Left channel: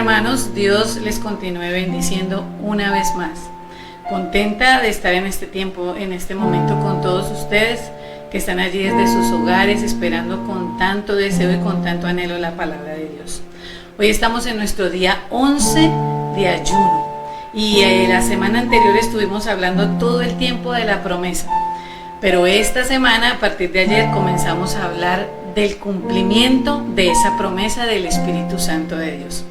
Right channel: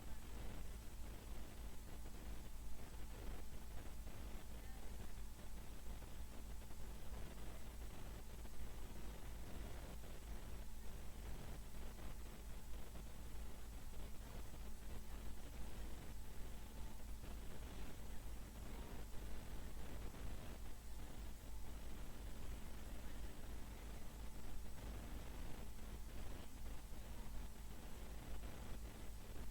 hermanos, Dios les continúe bendiciendo una vez más. Contenta de estar en este tiempo, en este momento con todos ustedes que están allí desde sus hogares esperando con tanto deseo y con tanto anhelo la palabra de Dios. Hoy estamos en nuestro día 11 de ayuno y la semana anterior estuvimos hablando todo el tiempo de la promesa, pero esta semana, a partir de ayer, comenzamos a hablar del cumplimiento de esa promesa del Espíritu Santo de Dios.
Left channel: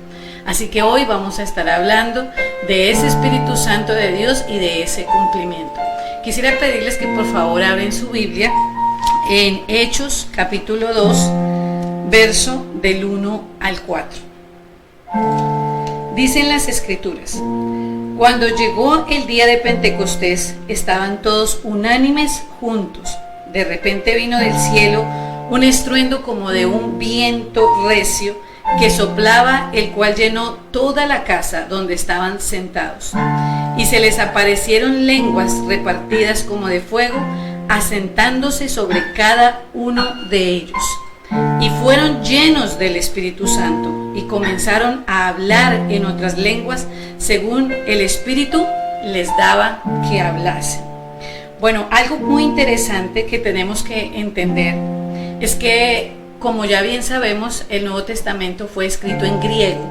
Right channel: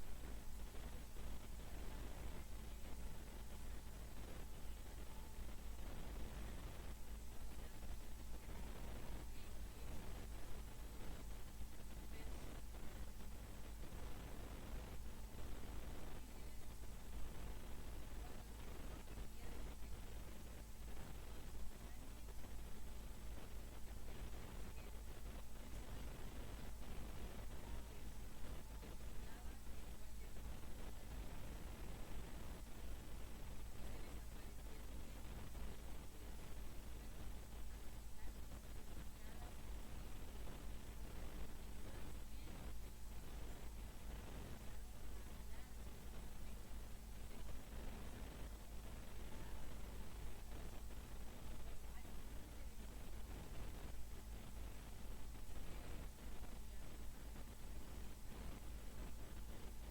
Así que hoy vamos a estar hablando de ese Espíritu Santo de Dios y de ese cumplimiento. Quisiera pedirles que por favor abren su Biblia en Hechos capítulo 2, verso del 1 al 4. Dicen las Escrituras: cuando llegó el día de Pentecostés, estaban todos unánimes juntos. De repente vino del cielo un estruendo como de un viento recio que soplaba, el cual llenó toda la casa donde estaban sentados. Y se les aparecieron lenguas repartidas como de fuego, asentándose sobre cada uno de ellos. Y fueron llenos del Espíritu Santo y comenzaron a hablar en otras lenguas según el Espíritu les daba que hablasen. Bueno, algo muy interesante que tenemos que entender es que, como ya bien sabemos, el Nuevo Testamento fue escrito en griego.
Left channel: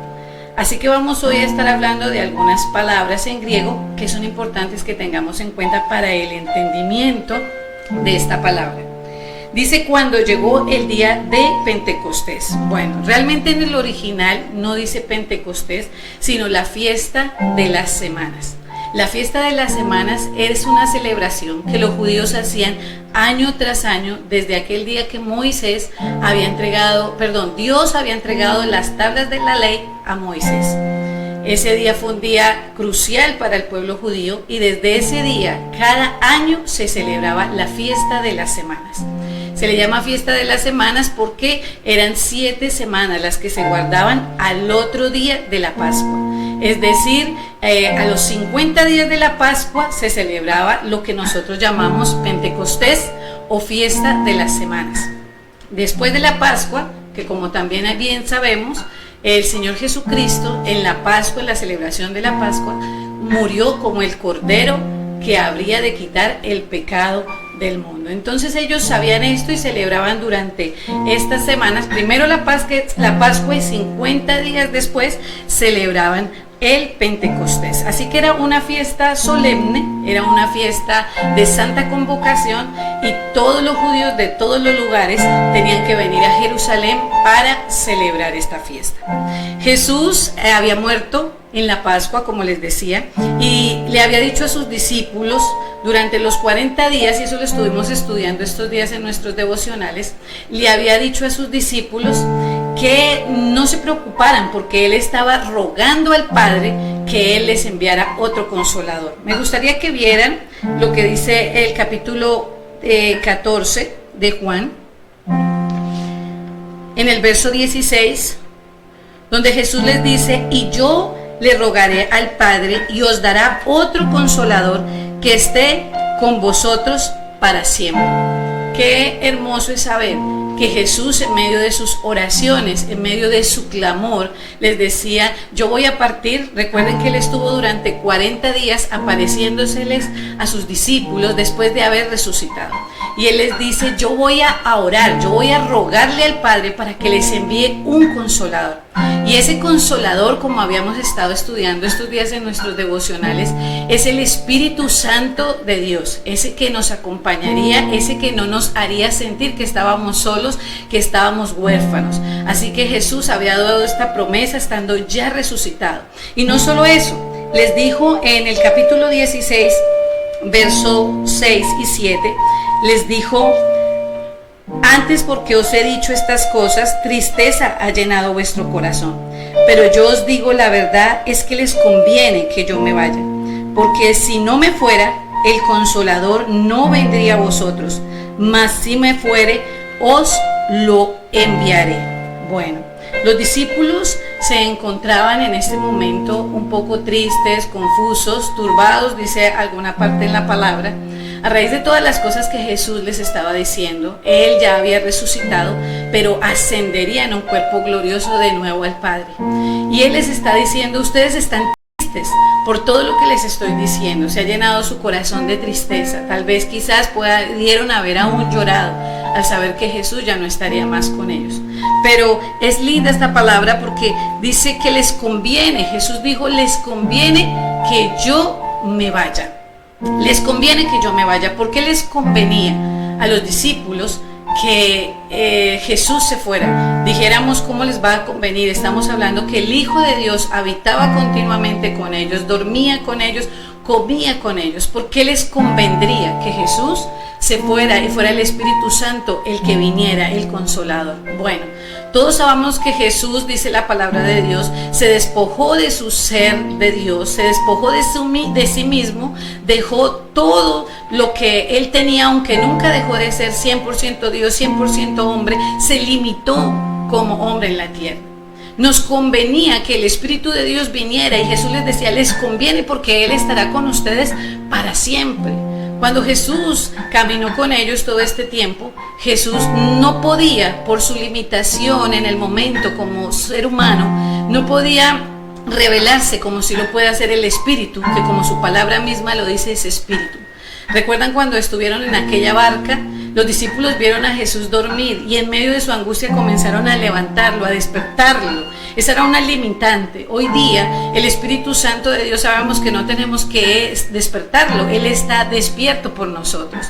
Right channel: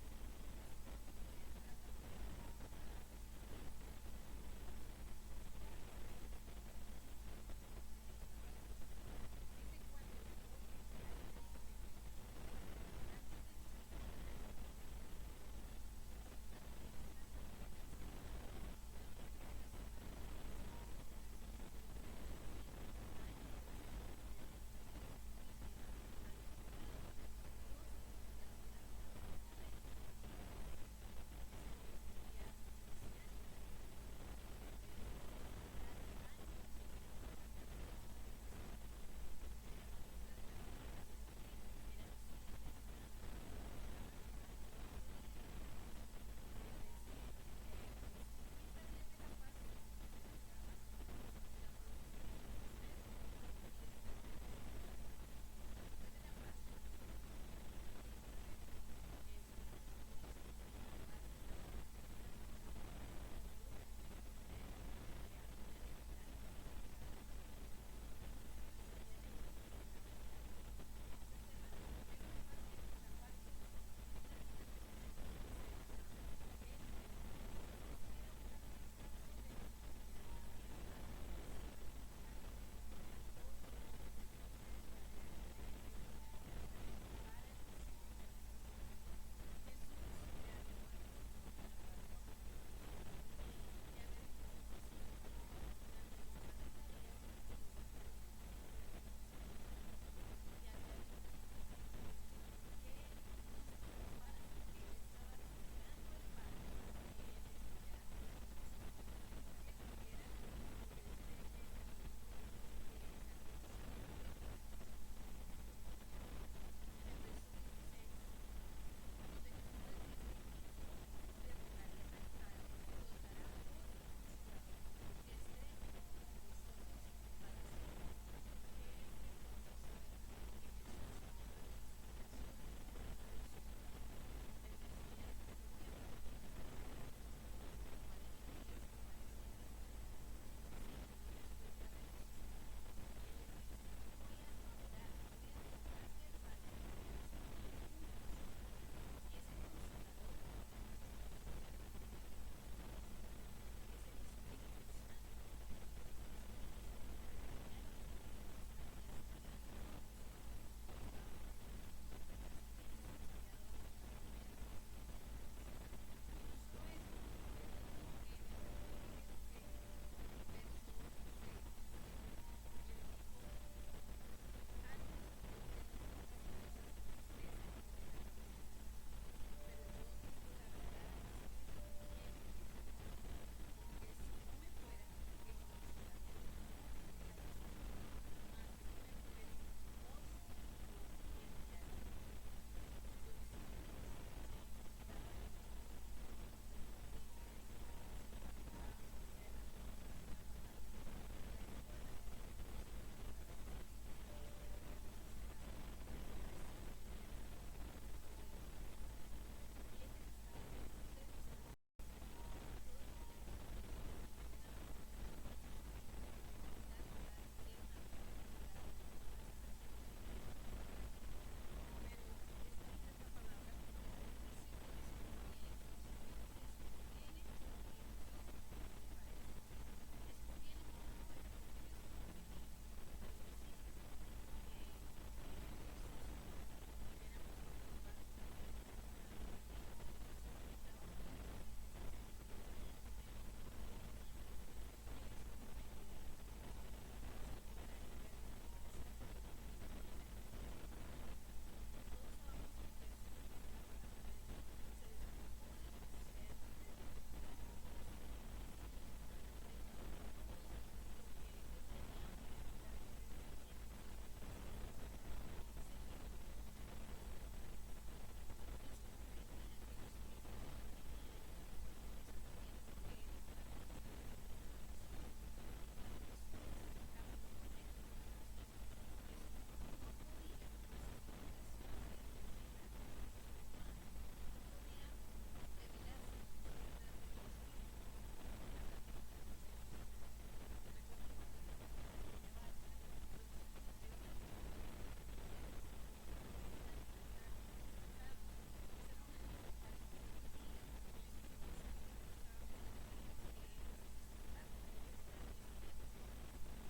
Así que vamos hoy a estar hablando de algunas palabras en griego que son importantes que tengamos en cuenta para el entendimiento de esta palabra. Dice cuando llegó el día de Pentecostés. Bueno, realmente en el original no dice Pentecostés, sino la fiesta de las semanas. La fiesta de las semanas es una celebración que los judíos hacían año tras año desde aquel día que Dios había entregado las tablas de la ley a Moisés. Ese día fue un día crucial para el pueblo judío y desde ese día cada año se celebraba la fiesta de las semanas. Se le llama fiesta de las semanas porque eran 7 semanas las que se guardaban al otro día de la Pascua. Es decir, a los 50 días de la Pascua se celebraba lo que nosotros llamamos Pentecostés o fiesta de las semanas. Después de la Pascua, que como también bien sabemos, el Señor Jesucristo en la Pascua, en la celebración de la Pascua, murió como el Cordero que habría de quitar el pecado del mundo. Entonces ellos sabían esto y celebraban durante estas semanas, primero la Pascua y 50 días después celebraban el Pentecostés. Así que era una fiesta solemne, era una fiesta de santa convocación y todos los judíos de todos los lugares tenían que venir a Jerusalén para celebrar esta fiesta. Jesús había muerto en la Pascua, como les decía, y le había dicho a sus discípulos durante los 40 días, y eso lo estuvimos estudiando estos días en nuestros devocionales, le había dicho a sus discípulos que no se preocuparan porque Él estaba rogando al Padre que Él les enviara otro consolador. Me gustaría que vieran lo que dice el capítulo 14 de Juan, en el verso 16, donde Jesús les dice: y yo le rogaré al Padre y os dará otro consolador que esté con vosotros para siempre. Qué hermoso es saber que Jesús, en medio de sus oraciones, en medio de su clamor, les decía: yo voy a partir. Recuerden que Él estuvo durante 40 días apareciéndoseles a sus discípulos después de haber resucitado. Y Él les dice: yo voy a orar, yo voy a rogarle al Padre para que les envíe un consolador. Y ese consolador, como habíamos estado estudiando estos días en nuestros devocionales, es el Espíritu Santo de Dios, ese que nos acompañaría, ese que no nos haría sentir que estábamos solos, que estábamos huérfanos. Así que Jesús había dado esta promesa estando ya resucitado. Y no solo eso, les dijo en el capítulo 16, verso 6 y 7, les dijo: antes, porque os he dicho estas cosas, tristeza ha llenado vuestro corazón. Pero yo os digo la verdad, es que les conviene que yo me vaya. Porque si no me fuera, el Consolador no vendría a vosotros. Mas si me fuere, os lo enviaré. Bueno, los discípulos se encontraban en este momento un poco tristes, confusos, turbados, dice alguna parte en la palabra, a raíz de todas las cosas que Jesús les estaba diciendo. Él ya había resucitado, pero ascendería en un cuerpo glorioso de nuevo al Padre. Y Él les está diciendo: ustedes están tristes por todo lo que les estoy diciendo. Se ha llenado su corazón de tristeza. Tal vez quizás pudieron haber aún llorado al saber que Jesús ya no estaría más con ellos. Pero es linda esta palabra porque dice que les conviene. Jesús dijo: les conviene que yo me vaya. Les conviene que yo me vaya. ¿Por qué les convenía a los discípulos que Jesús se fuera? Dijéramos, ¿cómo les va a convenir? Estamos hablando que el Hijo de Dios habitaba continuamente con ellos, dormía con ellos, comía con ellos. ¿Por qué les convendría que Jesús se fuera y fuera el Espíritu Santo el que viniera, el Consolador? Bueno, todos sabemos que Jesús, dice la palabra de Dios, se despojó de su ser de Dios, se despojó de sí mismo, dejó todo lo que Él tenía, aunque nunca dejó de ser 100% Dios, 100% hombre, se limitó como hombre en la tierra. Nos convenía que el Espíritu de Dios viniera, y Jesús les decía: les conviene porque Él estará con ustedes para siempre. Cuando Jesús caminó con ellos todo este tiempo, Jesús no podía, por su limitación en el momento como ser humano, no podía revelarse como si lo puede hacer el Espíritu, que como su palabra misma lo dice, es Espíritu. ¿Recuerdan cuando estuvieron en aquella barca? Los discípulos vieron a Jesús dormir y en medio de su angustia comenzaron a levantarlo, a despertarlo. Esa era una limitante. Hoy día el Espíritu Santo de Dios sabemos que no tenemos que despertarlo. Él está despierto por nosotros.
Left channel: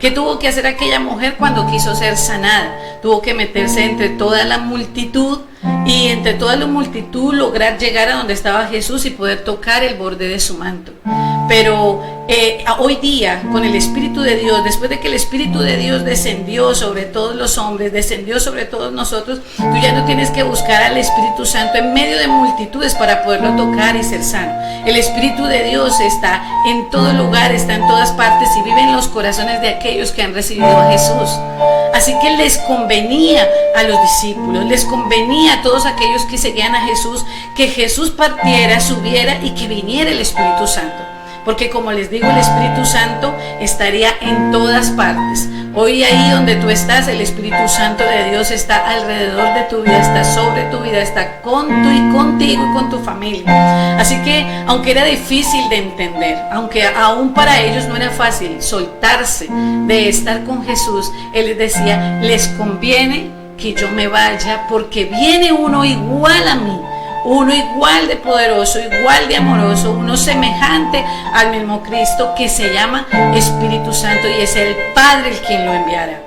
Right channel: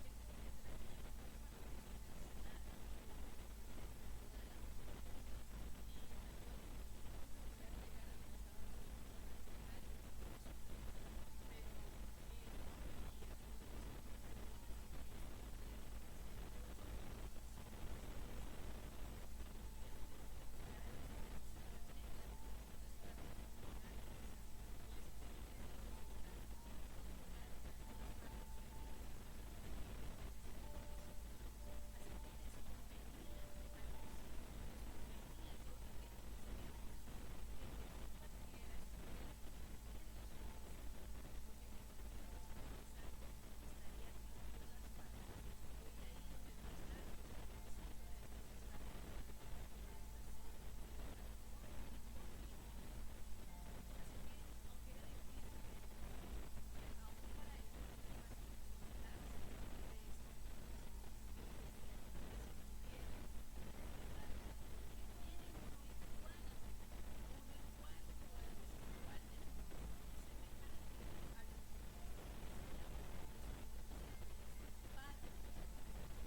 ¿Qué tuvo que hacer aquella mujer cuando quiso ser sanada? Tuvo que meterse entre toda la multitud y entre toda la multitud lograr llegar a donde estaba Jesús y poder tocar el borde de su manto. Pero hoy día, con el Espíritu de Dios, después de que el Espíritu de Dios descendió sobre todos los hombres, descendió sobre todos nosotros, tú ya no tienes que buscar al Espíritu Santo en medio de multitudes para poderlo tocar y ser sano. El Espíritu de Dios está en todo lugar, está en todas partes y vive en los corazones de aquellos que han recibido a Jesús. Así que les convenía a los discípulos, les convenía a todos aquellos que seguían a Jesús, que Jesús partiera, subiera y que viniera el Espíritu Santo. Porque como les digo, el Espíritu Santo estaría en todas partes. Hoy ahí donde tú estás, el Espíritu Santo de Dios está alrededor de tu vida, está sobre tu vida, está contigo y con tu familia. Así que aunque era difícil de entender, aunque aún para ellos no era fácil soltarse de estar con Jesús, Él les decía: les conviene que yo me vaya porque viene uno igual a mí. Uno igual de poderoso, igual de amoroso, uno semejante al mismo Cristo, que se llama Espíritu Santo, y es el Padre el quien lo enviará.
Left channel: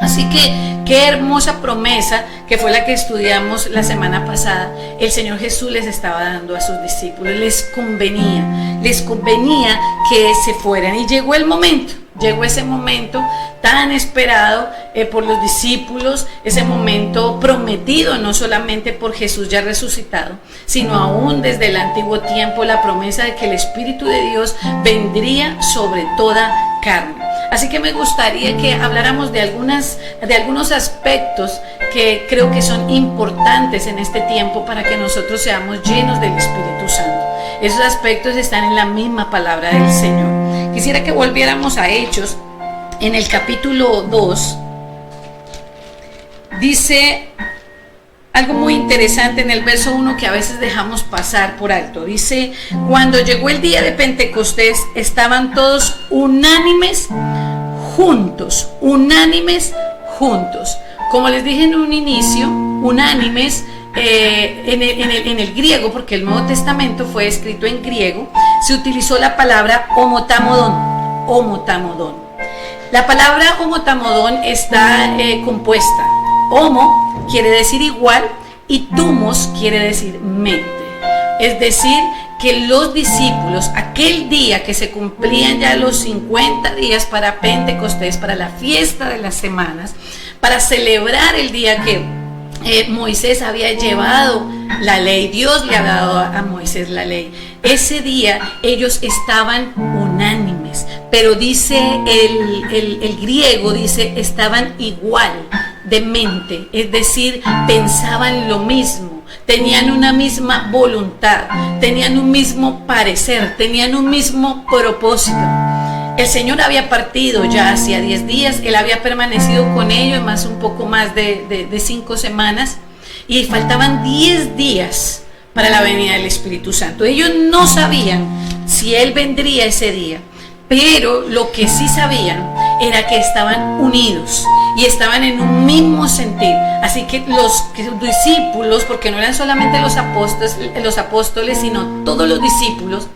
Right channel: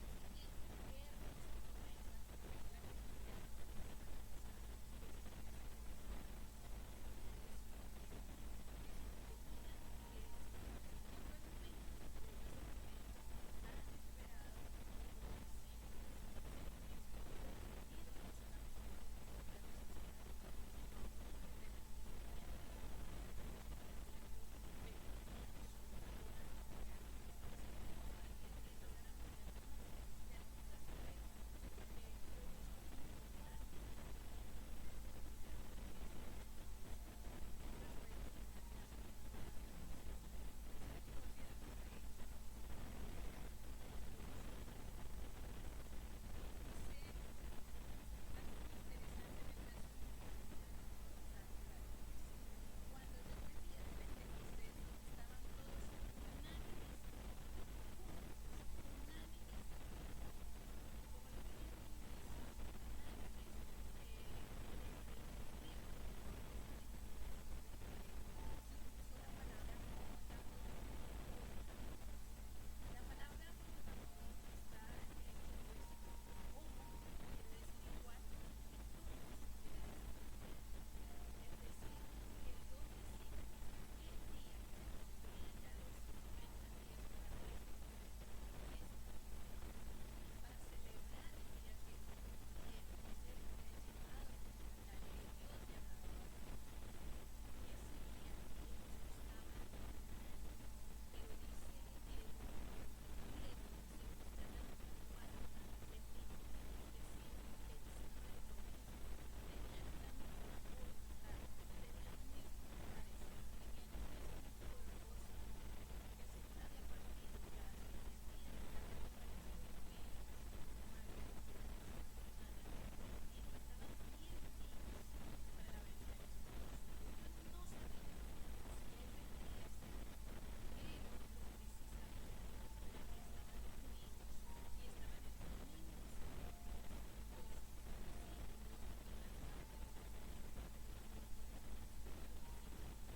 Así que qué hermosa promesa, que fue la que estudiamos la semana pasada, el Señor Jesús les estaba dando a sus discípulos. Les convenía que se fueran, y llegó el momento. Llegó ese momento tan esperado por los discípulos, ese momento prometido no solamente por Jesús ya resucitado, sino aún desde el antiguo tiempo, la promesa de que el Espíritu de Dios vendría sobre toda carne. Así que me gustaría que habláramos de algunos aspectos que creo que son importantes en este tiempo para que nosotros seamos llenos del Espíritu Santo. Esos aspectos están en la misma palabra del Señor. Quisiera que volviéramos a Hechos, en el capítulo 2, dice algo muy interesante en el verso 1 que a veces dejamos pasar por alto. Dice: cuando llegó el día de Pentecostés, estaban todos unánimes juntos. Como les dije en un inicio, unánimes en el griego, porque el Nuevo Testamento fue escrito en griego, se utilizó la palabra homotamodón. La palabra homotamodón está compuesta. Homo quiere decir igual y tumos quiere decir mente. Es decir, que los discípulos, aquel día que se cumplían ya los 50 días para Pentecostés, para la fiesta de las semanas, para celebrar el día que Moisés había llevado la ley, Dios le había dado a Moisés la ley. Ese día ellos estaban unánimes, pero dice el griego, dice estaban igual de mente, es decir, pensaban lo mismo, tenían una misma voluntad, tenían un mismo parecer, tenían un mismo propósito. El Señor había partido ya hacía 10 días, Él había permanecido con ellos más un poco más de 5 semanas y faltaban 10 días para la venida del Espíritu Santo. Ellos no sabían si Él vendría ese día, pero lo que sí sabían era que estaban unidos y estaban en un mismo sentir. Así que los discípulos, porque no eran solamente los apóstoles, sino todos los discípulos,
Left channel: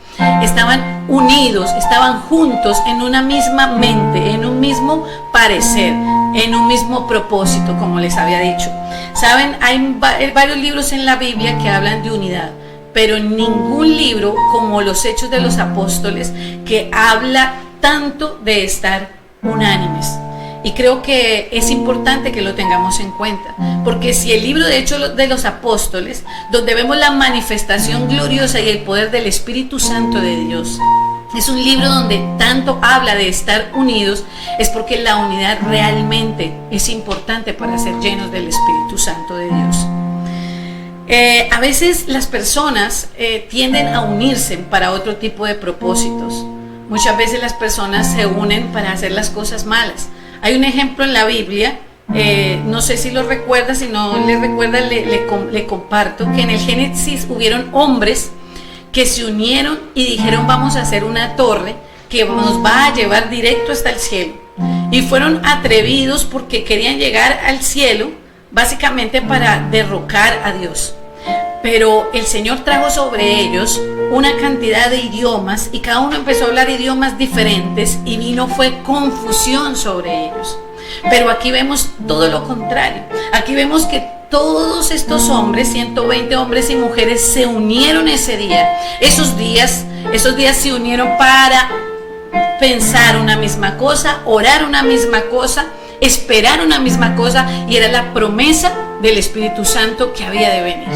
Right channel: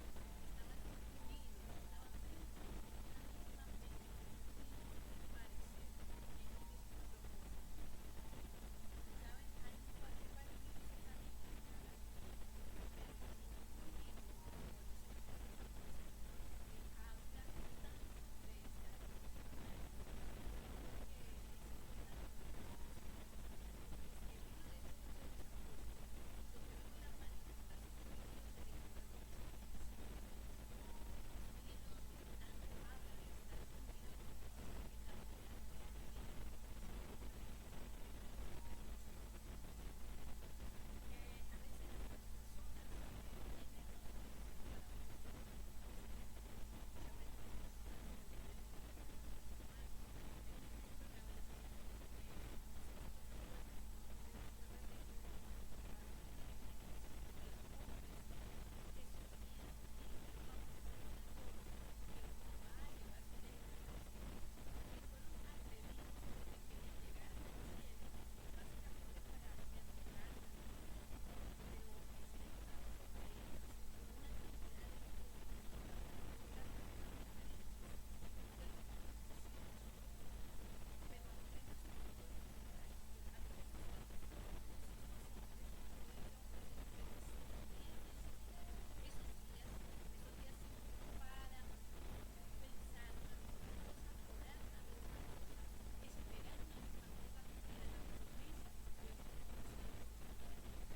estaban unidos, estaban juntos en una misma mente, en un mismo parecer, en un mismo propósito, como les había dicho. Saben, hay varios libros en la Biblia que hablan de unidad, pero ningún libro como los Hechos de los Apóstoles que habla tanto de estar unánimes. Y creo que es importante que lo tengamos en cuenta, porque si el libro de Hechos de los Apóstoles, donde vemos la manifestación gloriosa y el poder del Espíritu Santo de Dios, es un libro donde tanto habla de estar unidos, es porque la unidad realmente es importante para ser llenos del Espíritu Santo de Dios. A veces las personas tienden a unirse para otro tipo de propósitos. Muchas veces las personas se unen para hacer las cosas malas. Hay un ejemplo en la Biblia, no sé si lo recuerda, si no le recuerda le comparto, que en el Génesis hubieron hombres que se unieron y dijeron: vamos a hacer una torre que nos va a llevar directo hasta el cielo. Y fueron atrevidos porque querían llegar al cielo básicamente para derrocar a Dios. Pero el Señor trajo sobre ellos una cantidad de idiomas y cada uno empezó a hablar idiomas diferentes y fue confusión sobre ellos. Pero aquí vemos todo lo contrario. Aquí vemos que todos estos hombres, 120 hombres y mujeres, se unieron ese día. Esos días se unieron para pensar una misma cosa, orar una misma cosa, esperar una misma cosa, y era la promesa del Espíritu Santo que había de venir.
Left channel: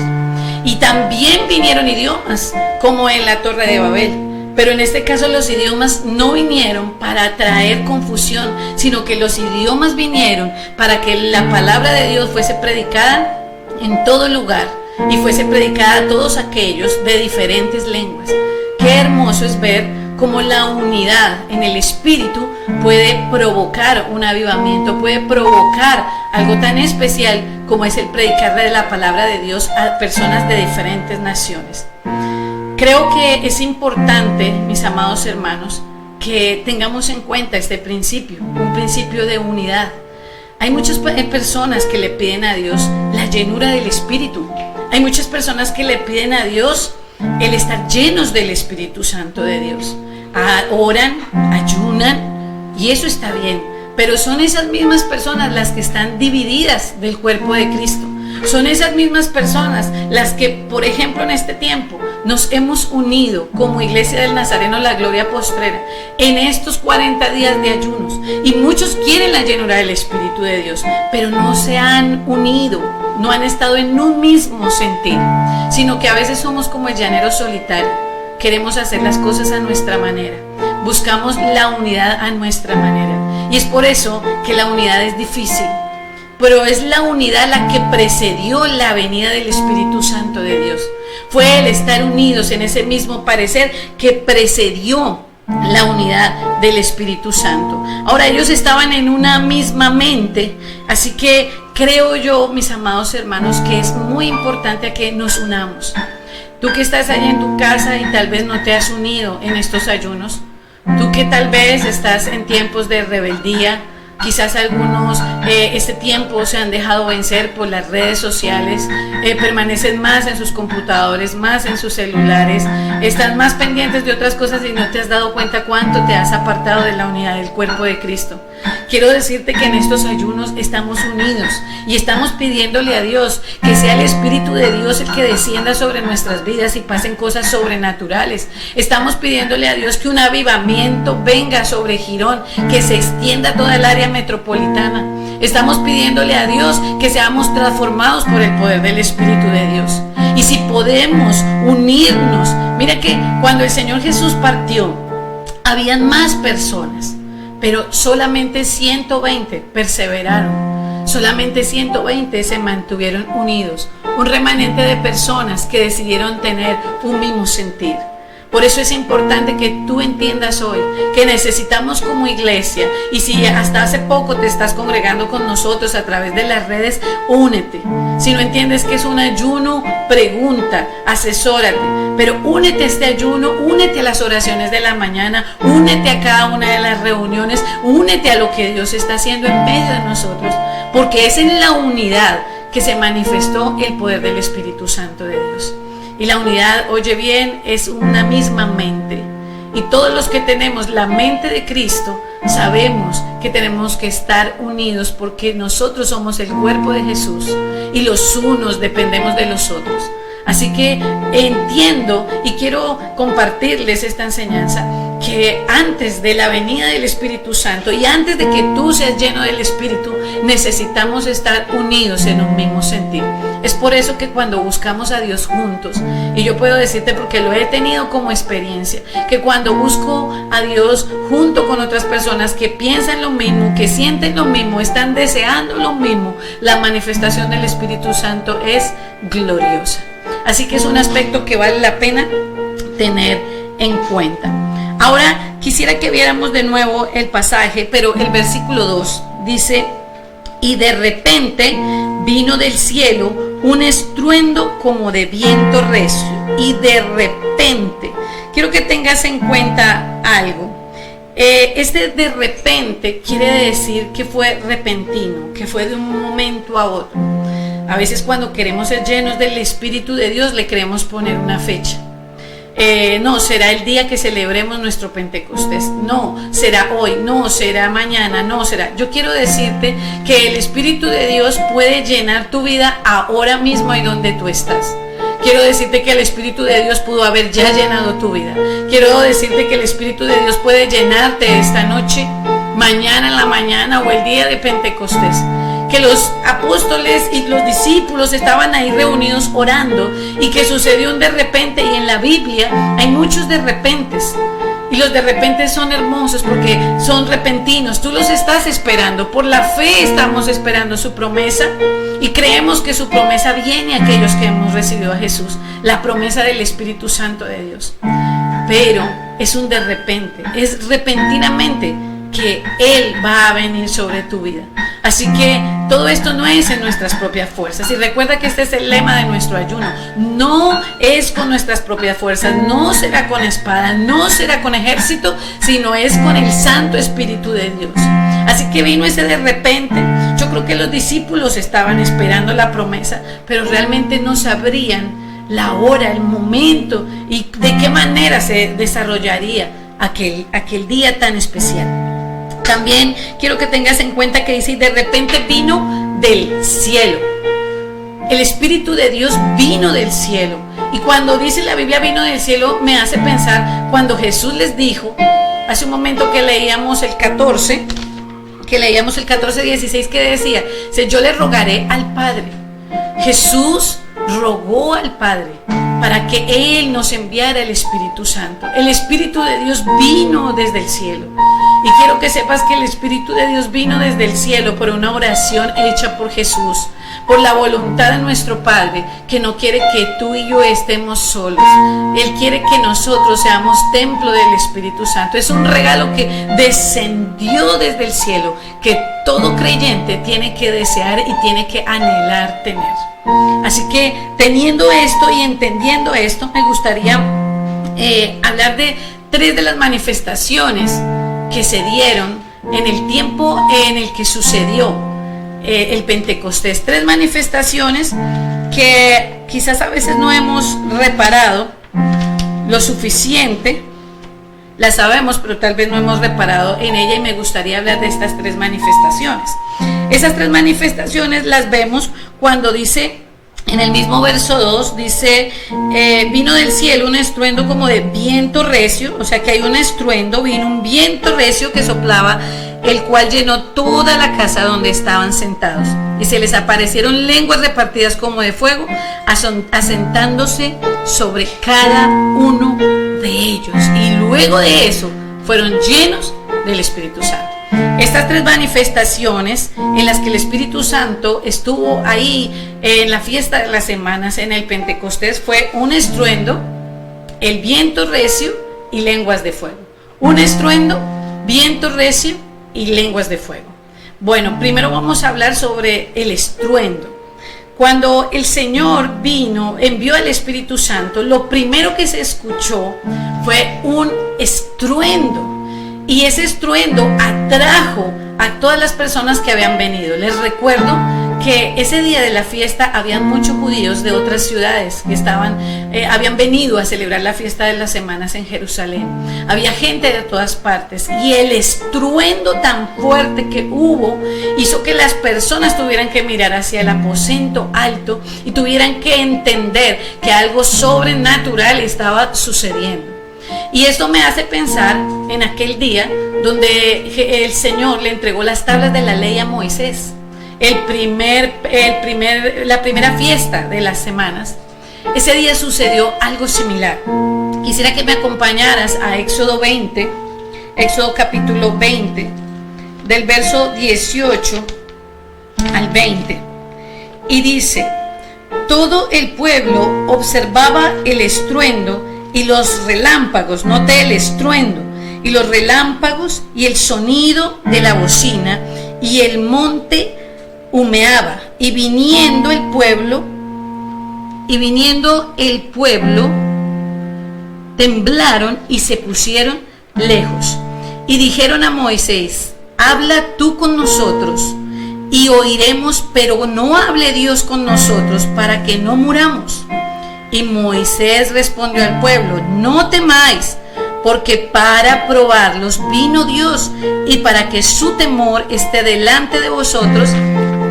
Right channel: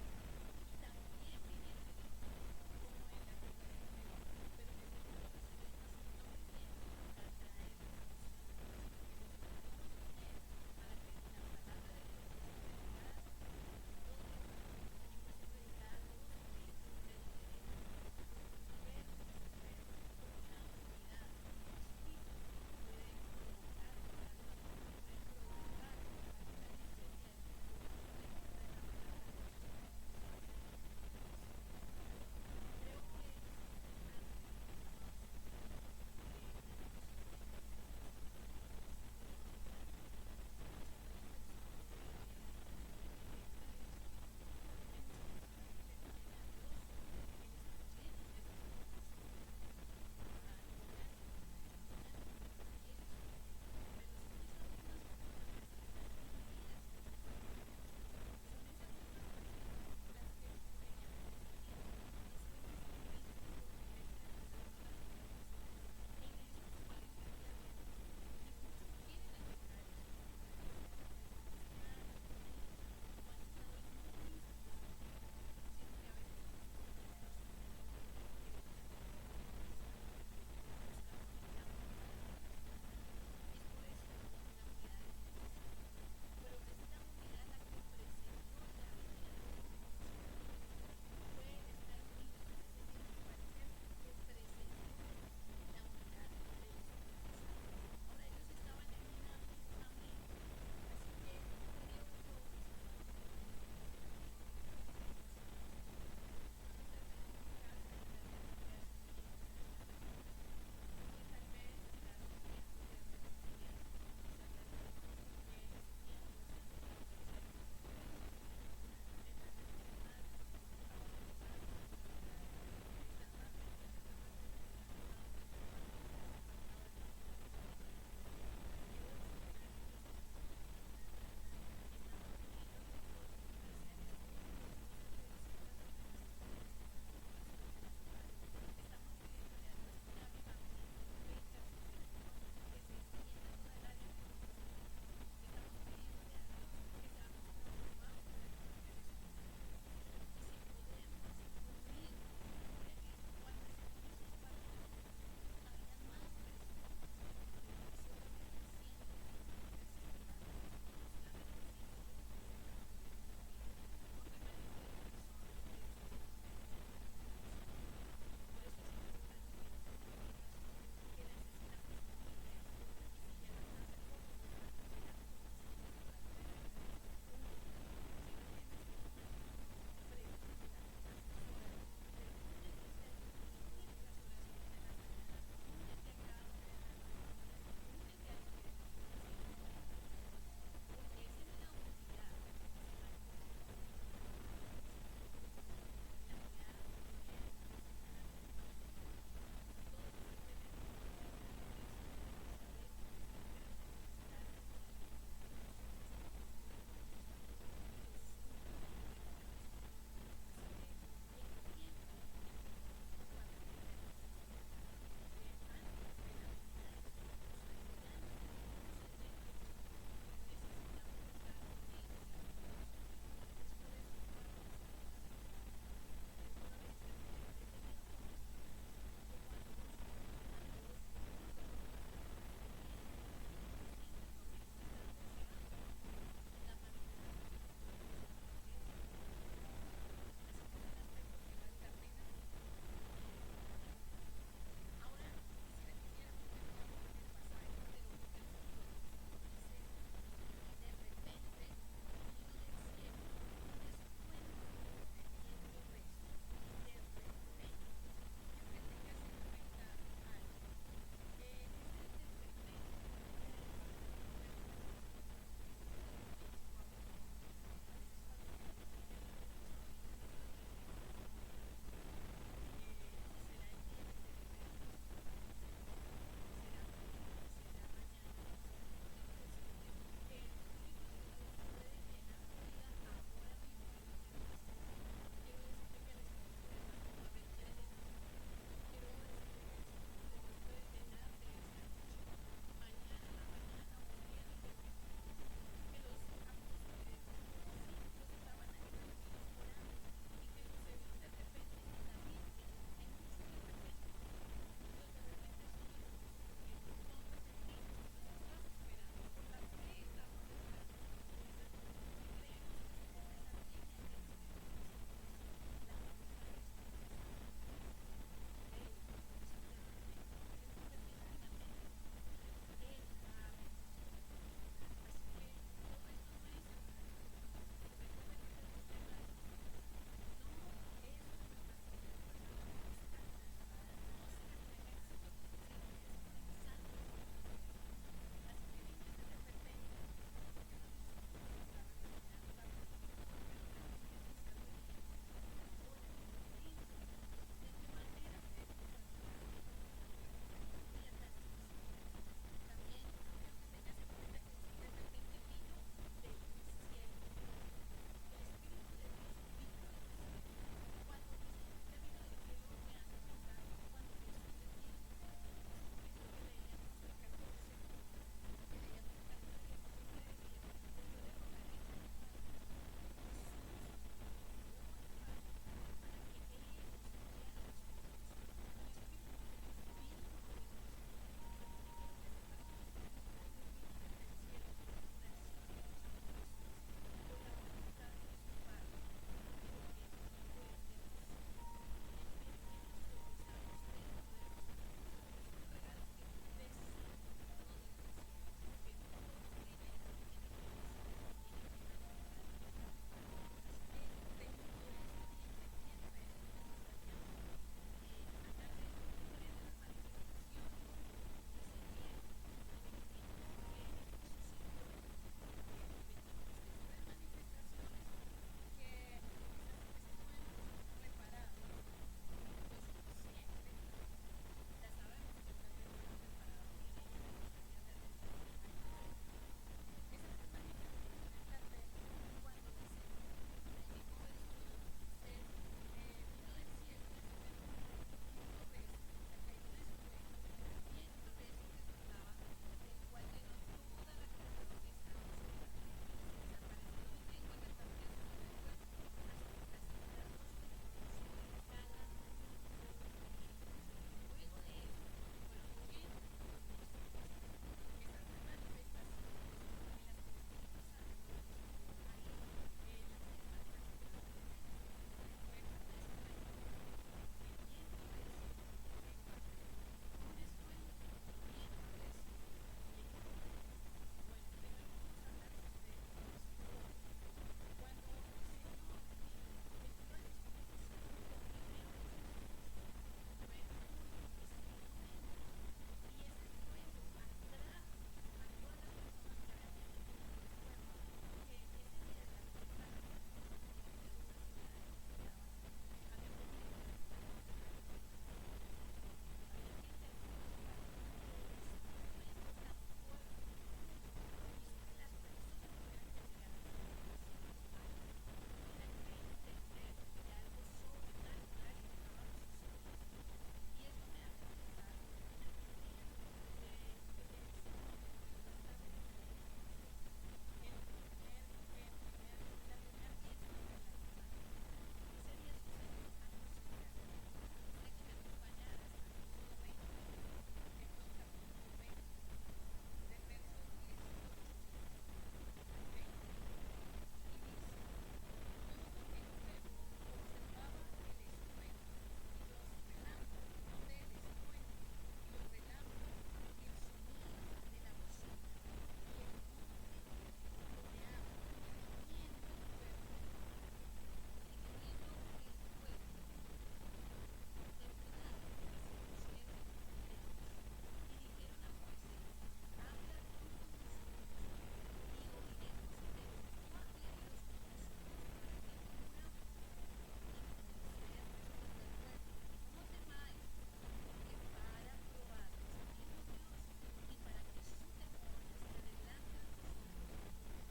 Y también vinieron idiomas, como en la Torre de Babel. Pero en este caso los idiomas no vinieron para traer confusión, sino que los idiomas vinieron para que la palabra de Dios fuese predicada en todo lugar y fuese predicada a todos aquellos de diferentes lenguas. Qué hermoso es ver cómo la unidad en el Espíritu puede provocar un avivamiento, puede provocar algo tan especial como es el predicar de la palabra de Dios a personas de diferentes naciones. Creo que es importante, mis amados hermanos, que tengamos en cuenta este principio, un principio de unidad. Hay muchas personas que le piden a Dios la llenura del Espíritu. Hay muchas personas que le piden a Dios el estar llenos del Espíritu Santo de Dios. Oran, ayunan, y eso está bien, pero son esas mismas personas las que están divididas del cuerpo de Cristo. Son esas mismas personas las que, por ejemplo, en este tiempo nos hemos unido como Iglesia del Nazareno La Gloria Postrera en estos 40 días de ayunos, y muchos quieren la llenura del Espíritu de Dios, pero no se han unido, no han estado en un mismo sentir, sino que a veces somos como el llanero solitario. Queremos hacer las cosas a nuestra manera, buscamos la unidad a nuestra manera, y es por eso que la unidad es difícil. Pero es la unidad la que precedió la venida del Espíritu Santo de Dios. Fue el estar unidos en ese mismo parecer que precedió la unidad del Espíritu Santo. Ahora, ellos estaban en una misma mente, así que creo yo, mis amados hermanos, que es muy importante que nos unamos. Tú que estás allá en tu casa y tal vez no te has unido en estos ayunos, tú que tal vez estás en tiempos de rebeldía, quizás algunos este tiempo se han dejado vencer por las redes sociales, permanecen más en sus computadores, más en sus celulares, están más pendientes de otras cosas y no te has dado cuenta cuánto te has apartado de la unidad del cuerpo de Cristo. Quiero decirte que en estos ayunos estamos unidos y estamos pidiéndole a Dios que sea el Espíritu de Dios el que descienda sobre nuestras vidas y pasen cosas sobrenaturales. Estamos pidiéndole a Dios que un avivamiento venga sobre Girón, que se extienda a toda el área metropolitana. Estamos pidiéndole a Dios que seamos transformados por el poder del Espíritu de Dios. Y si podemos unirnos, mira que cuando el Señor Jesús partió, habían más personas, pero solamente 120 perseveraron. Solamente 120 se mantuvieron unidos, un remanente de personas que decidieron tener un mismo sentir. Por eso es importante que tú entiendas hoy que necesitamos como iglesia, y si hasta hace poco te estás congregando con nosotros a través de las redes, únete. Si no entiendes que es un ayuno, pregunta, asesórate, pero únete a este ayuno, únete a las oraciones de la mañana, únete a cada una de las reuniones, únete a lo que Dios está haciendo en medio de nosotros, porque es en la unidad que se manifestó el poder del Espíritu Santo de Dios. Y la unidad, oye bien, es una misma mente. Y todos los que tenemos la mente de Cristo sabemos que tenemos que estar unidos, porque nosotros somos el cuerpo de Jesús y los unos dependemos de los otros. Así que entiendo y quiero compartirles esta enseñanza, que antes de la venida del Espíritu Santo y antes de que tú seas lleno del Espíritu, necesitamos estar unidos en un mismo sentir. Es por eso que cuando buscamos a Dios juntos, y yo puedo decirte porque lo he tenido como experiencia, que cuando busco a Dios junto con otras personas que piensan lo mismo, que sienten lo mismo, están deseando lo mismo, la manifestación del Espíritu Santo es gloriosa. Así que es un aspecto que vale la pena tener en cuenta. Ahora quisiera que viéramos de nuevo el pasaje, pero el versículo 2 dice: y de repente vino del cielo un estruendo como de viento recio. Y de repente, quiero que tengas en cuenta algo. Este de repente quiere decir que fue repentino, que fue de un momento a otro. A veces cuando queremos ser llenos del Espíritu de Dios le queremos poner una fecha. No, será el día que celebremos nuestro Pentecostés. No, será hoy. No, será mañana. No, será. Yo quiero decirte que el Espíritu de Dios puede llenar tu vida ahora mismo y donde tú estás. Quiero decirte que el Espíritu de Dios pudo haber ya llenado tu vida. Quiero decirte que el Espíritu de Dios puede llenarte esta noche, mañana en la mañana o el día de Pentecostés. Que los apóstoles y los discípulos estaban ahí reunidos orando y que sucedió un de repente, y en la Biblia hay muchos de repentes, y los de repente son hermosos porque son repentinos. Tú los estás esperando, por la fe estamos esperando su promesa y creemos que su promesa viene a aquellos que hemos recibido a Jesús, la promesa del Espíritu Santo de Dios. Pero es un de repente, es repentinamente que Él va a venir sobre tu vida. Así que todo esto no es en nuestras propias fuerzas. Y recuerda que este es el lema de nuestro ayuno. No es con nuestras propias fuerzas, no será con espada, no será con ejército, sino es con el Santo Espíritu de Dios. Así que vino ese de repente. Yo creo que los discípulos estaban esperando la promesa, pero realmente no sabrían la hora, el momento y de qué manera se desarrollaría aquel día tan especial. También quiero que tengas en cuenta que dice: y de repente vino del cielo. El Espíritu de Dios vino del cielo. Y cuando dice la Biblia vino del cielo, me hace pensar cuando Jesús les dijo, hace un momento que leíamos el 14:16, que decía: yo le rogaré al Padre. Jesús rogó al Padre para que Él nos enviara el Espíritu Santo. El Espíritu de Dios vino desde el cielo. Y quiero que sepas que el Espíritu de Dios vino desde el cielo por una oración hecha por Jesús, por la voluntad de nuestro Padre, que no quiere que tú y yo estemos solos. Él quiere que nosotros seamos templo del Espíritu Santo. Es un regalo que descendió desde el cielo, que todo creyente tiene que desear y tiene que anhelar tener. Así que teniendo esto y entendiendo esto, me gustaría hablar de 3 de las manifestaciones que se dieron en el tiempo en el que sucedió el Pentecostés. 3 manifestaciones que quizás a veces no hemos reparado lo suficiente. Las sabemos, pero tal vez no hemos reparado en ella, y me gustaría hablar de estas 3 manifestaciones. Esas 3 manifestaciones las vemos cuando dice, en el mismo verso 2, dice: vino del cielo un estruendo como de viento recio. O sea que hay un estruendo, vino un viento recio que soplaba, el cual llenó toda la casa donde estaban sentados. Y se les aparecieron lenguas repartidas como de fuego, asentándose sobre cada uno de ellos. Y luego de eso fueron llenos del Espíritu Santo. Esta estas 3 manifestaciones en las que el Espíritu Santo estuvo ahí en la fiesta de las semanas, en el Pentecostés, fue un estruendo, el viento recio y lenguas de fuego. Un estruendo, viento recio y lenguas de fuego. Bueno, primero vamos a hablar sobre el estruendo. Cuando el Señor vino, envió al Espíritu Santo, lo primero que se escuchó fue un estruendo. Y ese estruendo atrajo a todas las personas que habían venido. Les recuerdo que ese día de la fiesta habían muchos judíos de otras ciudades que habían venido a celebrar la fiesta de las semanas en Jerusalén. Había gente de todas partes y el estruendo tan fuerte que hubo hizo que las personas tuvieran que mirar hacia el aposento alto y tuvieran que entender que algo sobrenatural estaba sucediendo. Y esto me hace pensar en aquel día donde el Señor le entregó las tablas de la ley a Moisés. La primera fiesta de las semanas. Ese día sucedió algo similar. Quisiera que me acompañaras a Éxodo capítulo 20, del verso 18 al 20. Y dice: todo el pueblo observaba el estruendo y los relámpagos, note el estruendo, y los relámpagos y el sonido de la bocina, y el monte humeaba, y viniendo el pueblo, temblaron y se pusieron lejos. Y dijeron a Moisés: habla tú con nosotros y oiremos, pero no hable Dios con nosotros para que no muramos. Y Moisés respondió al pueblo: no temáis, porque para probarlos vino Dios, y para que su temor esté delante de vosotros,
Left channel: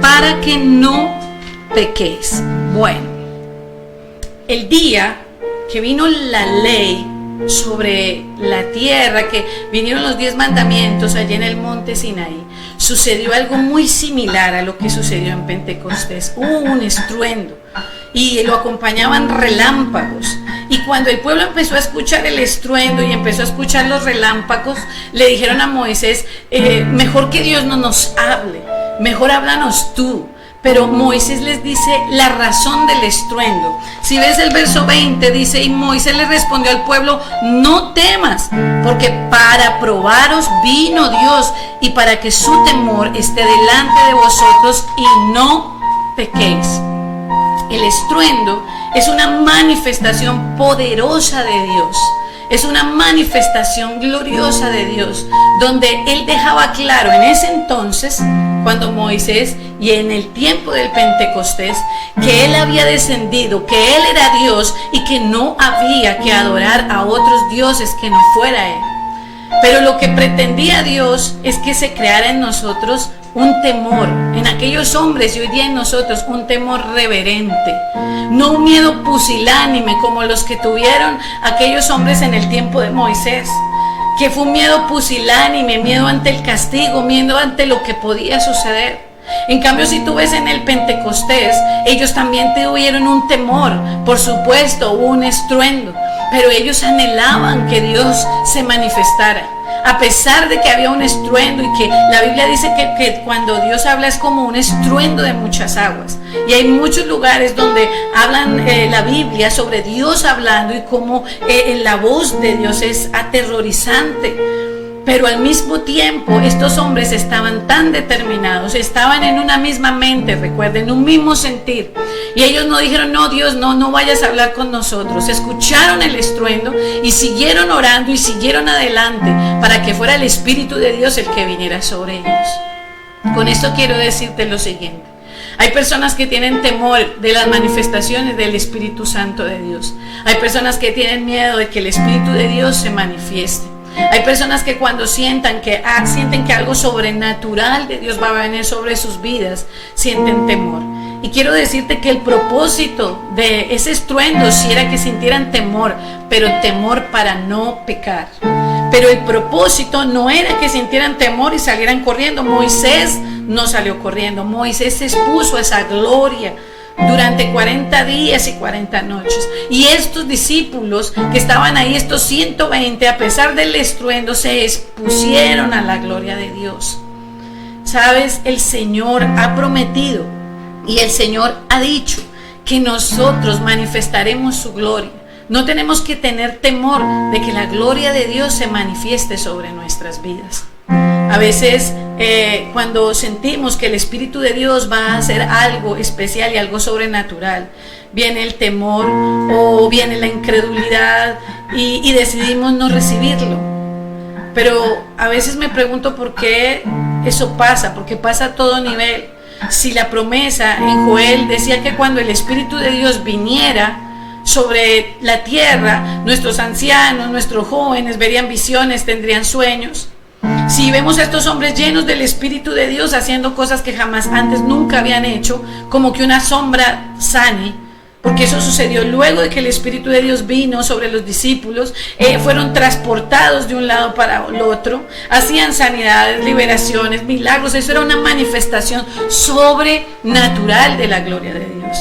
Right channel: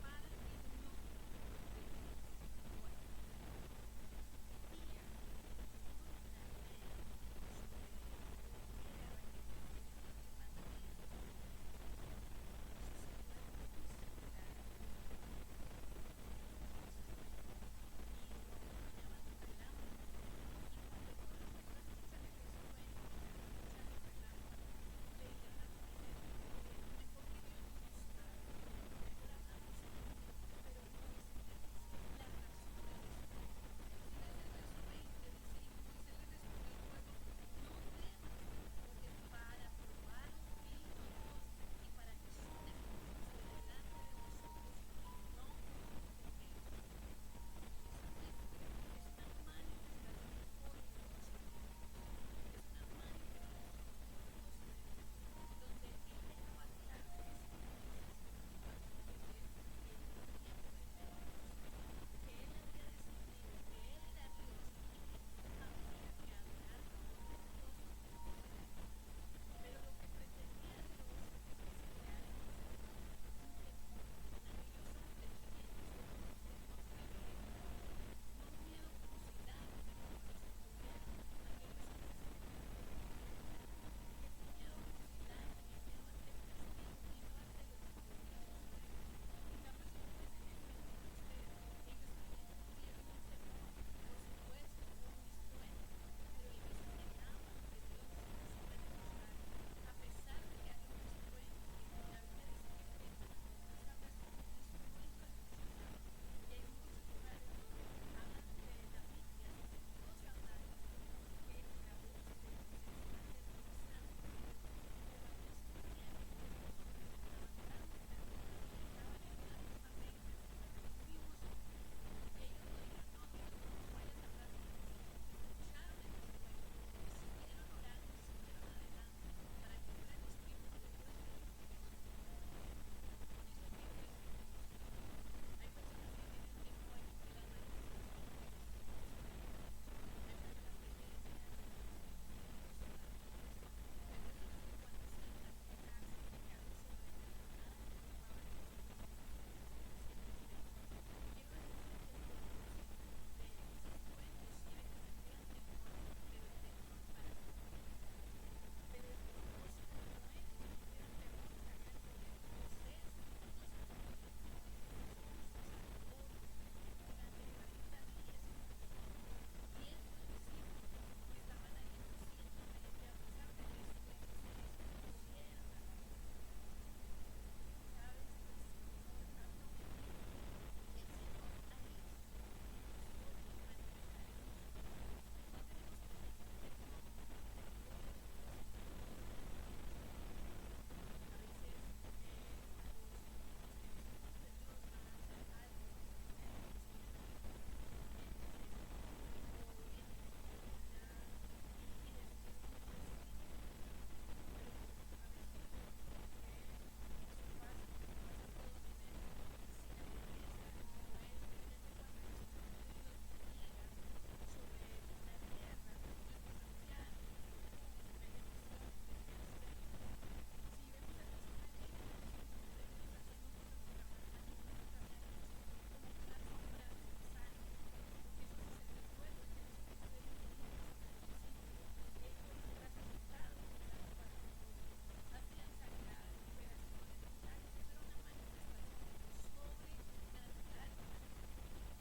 para que no pequéis. Bueno, el día que vino la ley sobre la tierra, que vinieron los 10 mandamientos allí en el monte Sinaí, sucedió algo muy similar a lo que sucedió en Pentecostés. Hubo un estruendo y lo acompañaban relámpagos. Y cuando el pueblo empezó a escuchar el estruendo y empezó a escuchar los relámpagos, le dijeron a Moisés: mejor que Dios no nos hable, mejor háblanos tú. Pero Moisés les dice la razón del estruendo. Si ves el verso 20, dice: y Moisés le respondió al pueblo: no temas, porque para probaros vino Dios, y para que su temor esté delante de vosotros y no pequéis. El estruendo es una manifestación poderosa de Dios. Es una manifestación gloriosa de Dios, donde Él dejaba claro en ese entonces, cuando Moisés y en el tiempo del Pentecostés, que Él había descendido, que Él era Dios y que no había que adorar a otros dioses que no fuera Él. Pero lo que pretendía Dios es que se creara en nosotros un temor, en aquellos hombres y hoy día en nosotros, un temor reverente, no un miedo pusilánime como los que tuvieron aquellos hombres en el tiempo de Moisés, que fue un miedo pusilánime, miedo ante el castigo, miedo ante lo que podía suceder. En cambio, si tú ves en el Pentecostés, ellos también tuvieron un temor, por supuesto, hubo un estruendo, pero ellos anhelaban que Dios se manifestara. A pesar de que había un estruendo, y que la Biblia dice que cuando Dios habla es como un estruendo de muchas aguas. Y hay muchos lugares donde hablan la Biblia sobre Dios hablando y cómo la voz de Dios es aterrorizante. Pero al mismo tiempo estos hombres estaban tan determinados, estaban en una misma mente, recuerden, un mismo sentir. Y ellos no dijeron: no, Dios, no vayas a hablar con nosotros. Escucharon el estruendo y siguieron orando y siguieron adelante para que fuera el Espíritu de Dios el que viniera sobre ellos. Con esto quiero decirte lo siguiente: hay personas que tienen temor de las manifestaciones del Espíritu Santo de Dios. Hay personas que tienen miedo de que el Espíritu de Dios se manifieste. Hay personas que cuando sienten que algo sobrenatural de Dios va a venir sobre sus vidas, sienten temor. Y quiero decirte que el propósito de ese estruendo sí era que sintieran temor, pero temor para no pecar. Pero el propósito no era que sintieran temor y salieran corriendo. Moisés no salió corriendo. Moisés se expuso a esa gloria durante 40 días y 40 noches. Y estos discípulos que estaban ahí, estos 120, a pesar del estruendo, se expusieron a la gloria de Dios. Sabes, el Señor ha prometido y el Señor ha dicho que nosotros manifestaremos su gloria. No tenemos que tener temor de que la gloria de Dios se manifieste sobre nuestras vidas. A veces cuando sentimos que el Espíritu de Dios va a hacer algo especial y algo sobrenatural, viene el temor o viene la incredulidad y decidimos no recibirlo. Pero a veces me pregunto por qué eso pasa, porque pasa a todo nivel. Si la promesa en Joel decía que cuando el Espíritu de Dios viniera sobre la tierra, nuestros ancianos, nuestros jóvenes verían visiones, tendrían sueños. Si vemos a estos hombres llenos del Espíritu de Dios haciendo cosas que jamás antes nunca habían hecho, como que una sombra sane, porque eso sucedió luego de que el Espíritu de Dios vino sobre los discípulos, fueron transportados de un lado para el otro, hacían sanidades, liberaciones, milagros. Eso era una manifestación sobrenatural de la gloria de Dios.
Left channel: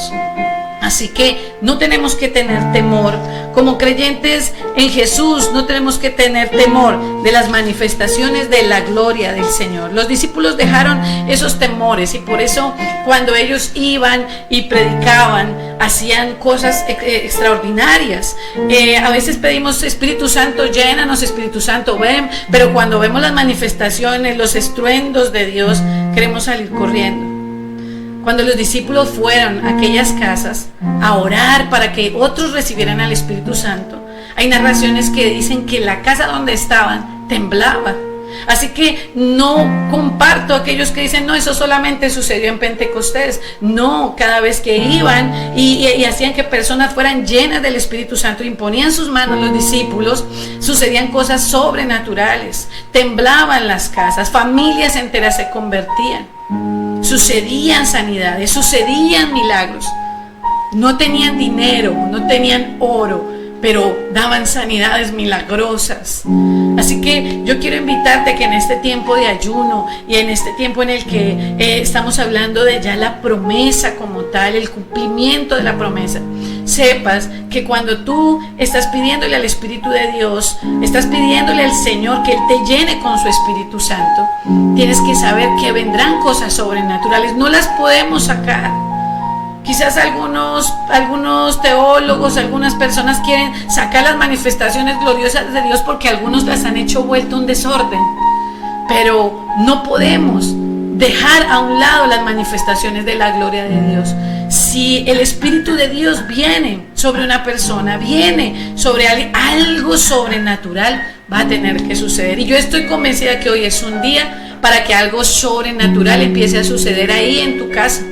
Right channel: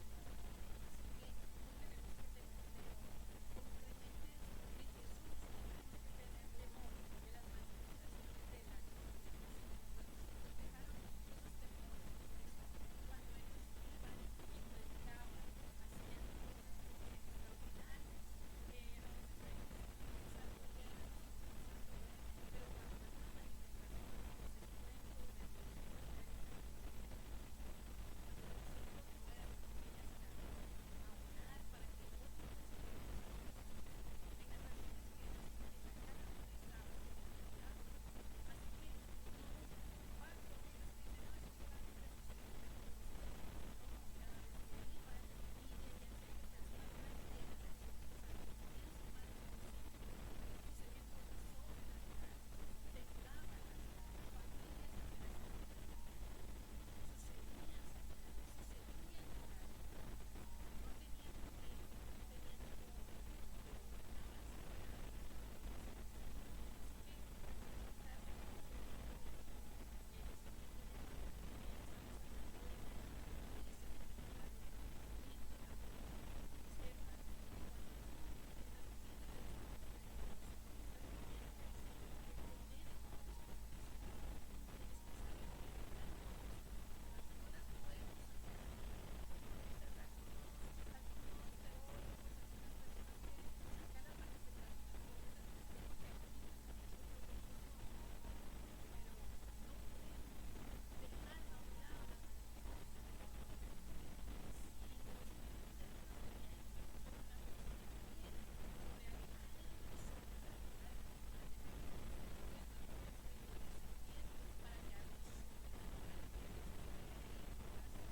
Así que no tenemos que tener temor. Como creyentes en Jesús, no tenemos que tener temor de las manifestaciones de la gloria del Señor. Los discípulos dejaron esos temores y por eso cuando ellos iban y predicaban, hacían cosas extraordinarias. A veces pedimos: Espíritu Santo, llénanos, Espíritu Santo, ven. Pero cuando vemos las manifestaciones, los estruendos de Dios, queremos salir corriendo. Cuando los discípulos fueron a aquellas casas a orar para que otros recibieran al Espíritu Santo, hay narraciones que dicen que la casa donde estaban temblaba. Así que no comparto a aquellos que dicen: no, eso solamente sucedió en Pentecostés. No, cada vez que iban y hacían que personas fueran llenas del Espíritu Santo, imponían sus manos los discípulos, sucedían cosas sobrenaturales. Temblaban las casas, familias enteras se convertían. Sucedían sanidades, sucedían milagros. No tenían dinero, no tenían oro, pero daban sanidades milagrosas. Así que yo quiero invitarte que en este tiempo de ayuno y en este tiempo en el que estamos hablando de ya la promesa como tal, el cumplimiento de la promesa, sepas que cuando tú estás pidiéndole al Espíritu de Dios, estás pidiéndole al Señor que Él te llene con su Espíritu Santo, tienes que saber que vendrán cosas sobrenaturales. No las podemos sacar. Quizás algunos teólogos, algunas personas quieren sacar las manifestaciones gloriosas de Dios porque algunos las han hecho vuelto un desorden. Pero no podemos dejar a un lado las manifestaciones de la gloria de Dios. Si el Espíritu de Dios viene sobre una persona, viene sobre alguien, algo sobrenatural va a tener que suceder. Y yo estoy convencida que hoy es un día para que algo sobrenatural empiece a suceder ahí en tu casa.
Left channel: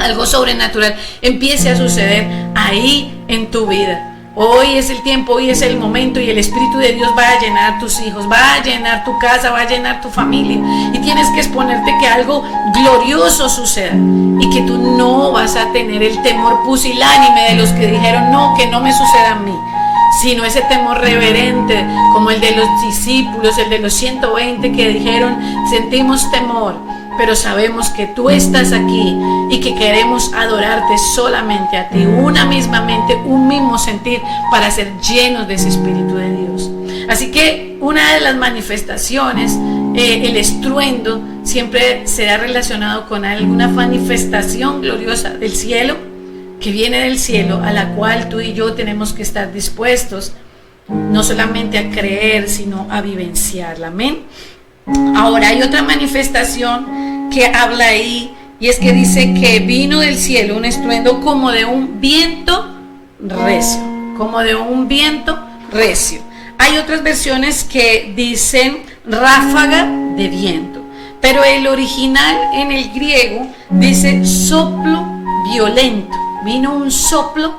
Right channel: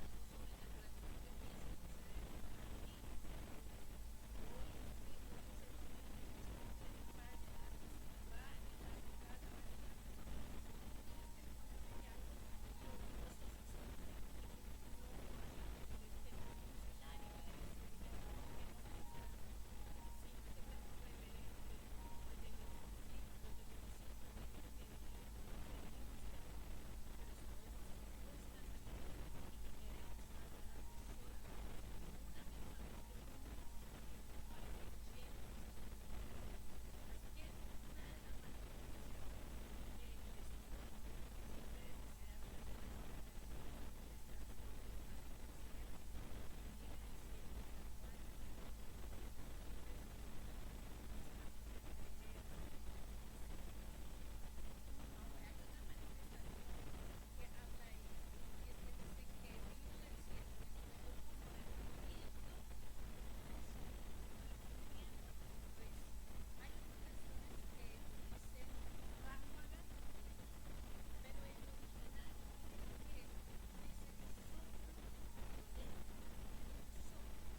Algo sobrenatural empiece a suceder ahí en tu vida. Hoy es el tiempo, hoy es el momento y el Espíritu de Dios va a llenar tus hijos, va a llenar tu casa, va a llenar tu familia. Y tienes que exponerte que algo glorioso suceda y que tú no vas a tener el temor pusilánime de los que dijeron: no, que no me suceda a mí, sino ese temor reverente como el de los discípulos, el de los 120 que dijeron: sentimos temor, pero sabemos que tú estás aquí y que queremos adorarte solamente a ti, una misma mente, un mismo sentir, para ser llenos de ese Espíritu de Dios. Así que una de las manifestaciones, el estruendo, siempre será relacionado con alguna manifestación gloriosa del cielo, que viene del cielo, a la cual tú y yo tenemos que estar dispuestos no solamente a creer, sino a vivenciarla. Amén. Ahora hay otra manifestación que habla ahí, y es que dice que vino del cielo un estruendo como de un viento recio, como de un viento recio. Hay otras versiones que dicen ráfaga de viento, pero el original en el griego dice soplo violento. Vino un soplo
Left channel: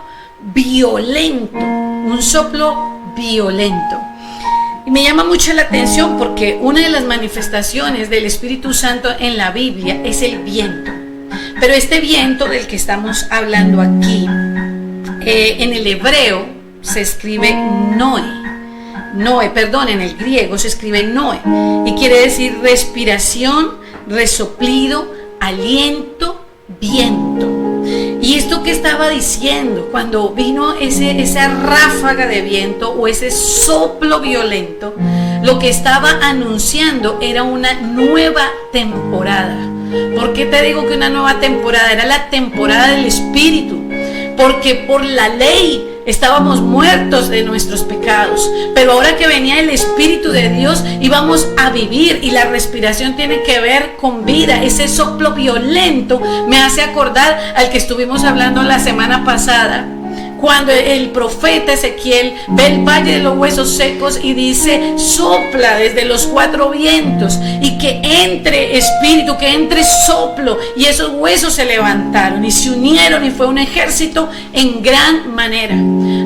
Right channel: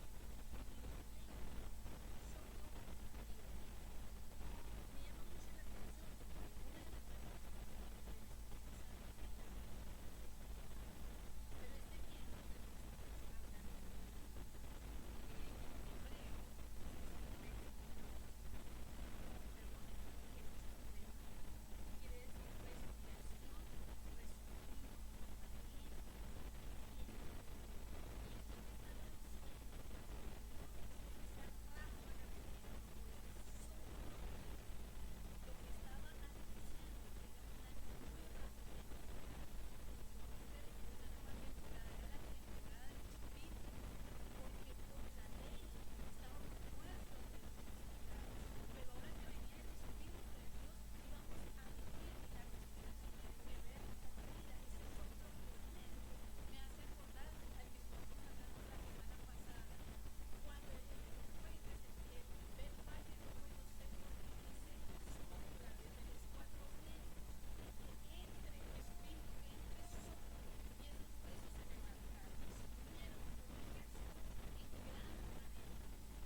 violento, un soplo violento. Y me llama mucho la atención porque una de las manifestaciones del Espíritu Santo en la Biblia es el viento. Pero este viento del que estamos hablando aquí, en el hebreo se escribe Noé. En el griego se escribe Noé. Y quiere decir respiración, resoplido, aliento, viento. Y esto que estaba diciendo, cuando vino esa ráfaga de viento o ese soplo violento, lo que estaba anunciando era una nueva temporada. ¿Por qué te digo que una nueva temporada? Era la temporada del Espíritu. Porque por la ley estábamos muertos de nuestros pecados, pero ahora que venía el Espíritu de Dios íbamos a vivir, y la respiración tiene que ver con vida. Ese soplo violento me hace acordar al que estuvimos hablando la semana pasada, cuando el profeta Ezequiel ve el valle de los huesos secos y dice: sopla desde los 4 vientos y que entre espíritu, que entre soplo, y esos huesos se levantaron y se unieron y fue un ejército en gran manera.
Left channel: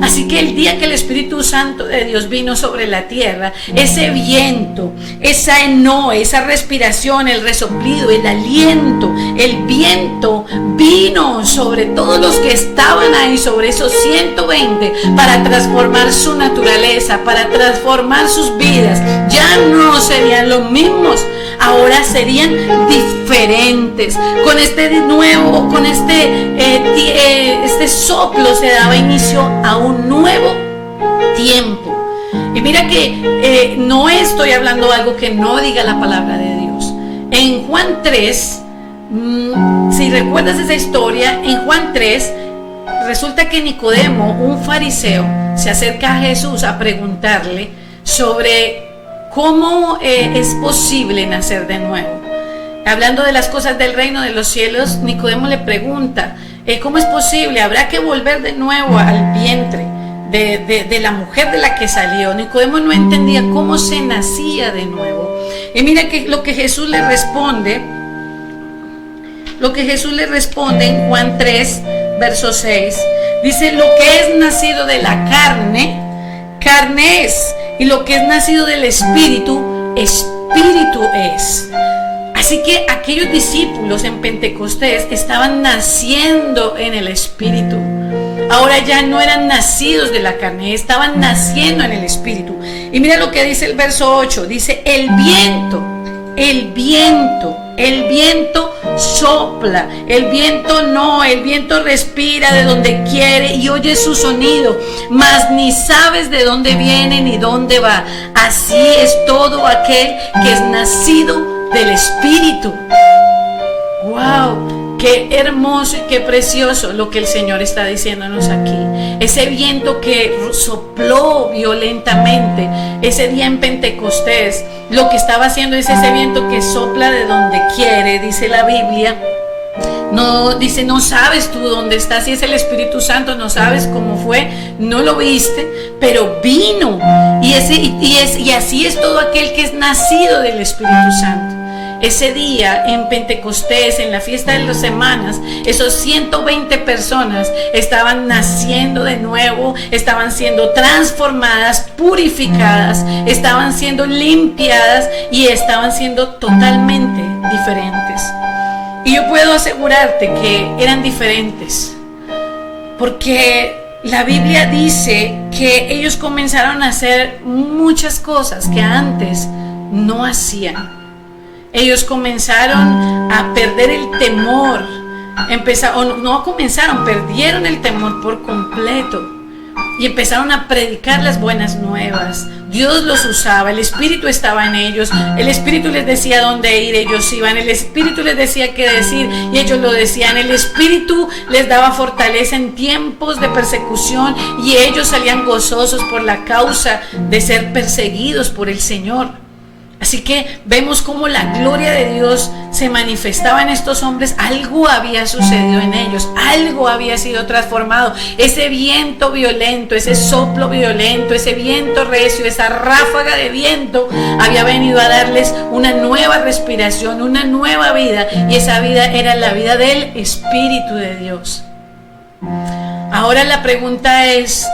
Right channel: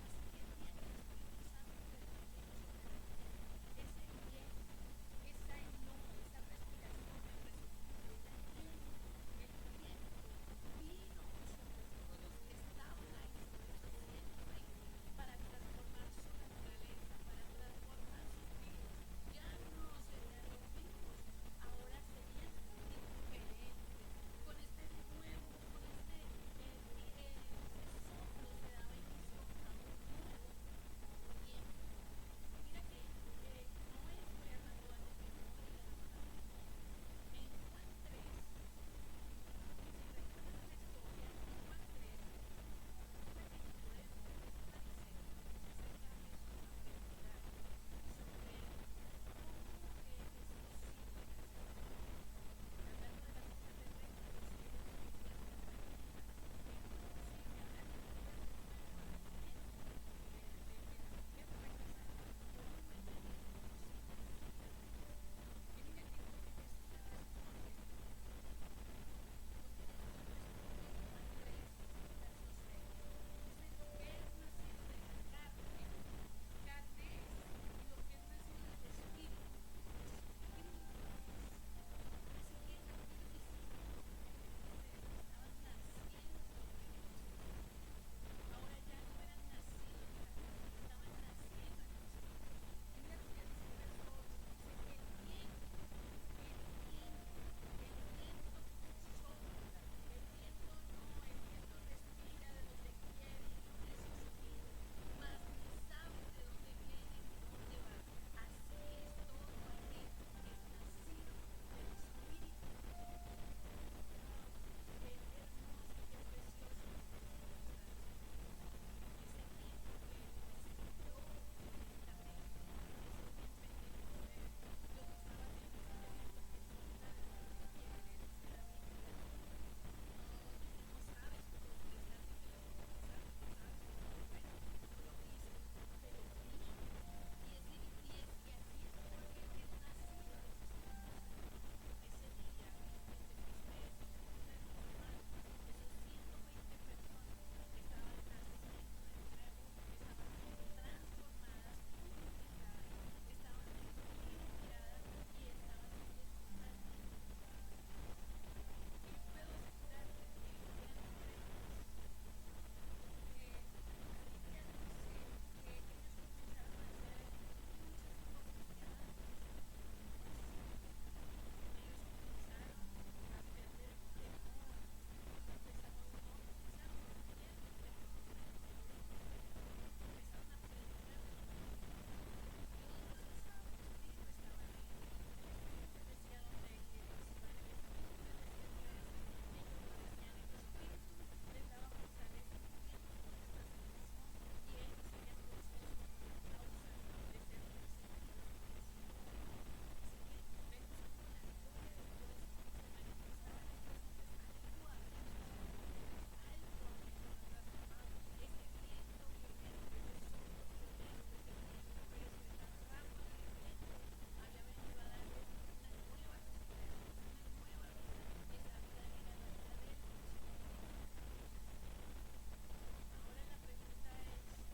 Así que el día que el Espíritu Santo de Dios vino sobre la tierra, ese viento, esa enoe, esa respiración, el resoplido, el aliento, el viento vino sobre todos los que estaban ahí, sobre esos 120, para transformar su naturaleza, para transformar sus vidas. Ya no serían los mismos, ahora serían diferentes. Con este nuevo, con este soplo se daba inicio a un nuevo tiempo. Y mira que no estoy hablando algo que no diga la palabra de Dios. En Juan 3, si recuerdas esa historia, en Juan 3, resulta que Nicodemo, un fariseo, se acerca a Jesús a preguntarle sobre cómo es posible nacer de nuevo. Hablando de las cosas del reino de los cielos, Nicodemo le pregunta: ¿cómo es posible? ¿Habrá que volver de nuevo al vientre de la mujer de la que salió? Nicodemo no entendía cómo se nacía de nuevo. Y mira que lo que Jesús le responde en Juan 3, verso 6, dice: lo que es nacido de la carne, carne es, y lo que es nacido del Espíritu, Espíritu es. Así que aquellos discípulos en Pentecostés estaban naciendo en el Espíritu. Ahora ya no eran nacidos de la carne, estaban naciendo en el Espíritu. Y mira lo que dice el verso 8, dice: el viento sopla, el viento respira de donde quiere y oye su sonido, mas ni sabes de dónde viene ni dónde va. Así es todo aquel que es nacido del Espíritu. ¡Wow! Qué hermoso y qué precioso lo que el Señor está diciéndonos aquí. Ese viento que sopló violentamente ese día en Pentecostés, lo que estaba haciendo es ese viento que sopla de donde quiere, dice la Biblia. No dice, no sabes tú dónde estás, si es el Espíritu Santo, no sabes cómo fue, no lo viste, pero vino. Y así es todo aquel que es nacido del Espíritu Santo. Ese día en Pentecostés, en la fiesta de las semanas, esos 120 personas estaban naciendo de nuevo, estaban siendo transformadas, purificadas, estaban siendo limpiadas y estaban siendo totalmente diferentes. Y yo puedo asegurarte que eran diferentes, porque la Biblia dice que ellos comenzaron a hacer muchas cosas que antes no hacían. Ellos comenzaron a perder el temor, perdieron el temor por completo y empezaron a predicar las buenas nuevas. Dios los usaba, el Espíritu estaba en ellos, el Espíritu les decía dónde ir, ellos iban, el Espíritu les decía qué decir y ellos lo decían, el Espíritu les daba fortaleza en tiempos de persecución y ellos salían gozosos por la causa de ser perseguidos por el Señor. Así que vemos cómo la gloria de Dios se manifestaba en estos hombres. Algo había sucedido en ellos, algo había sido transformado. Ese viento violento, ese soplo violento, ese viento recio, esa ráfaga de viento había venido a darles una nueva respiración, una nueva vida, y esa vida era la vida del Espíritu de Dios. Ahora la pregunta es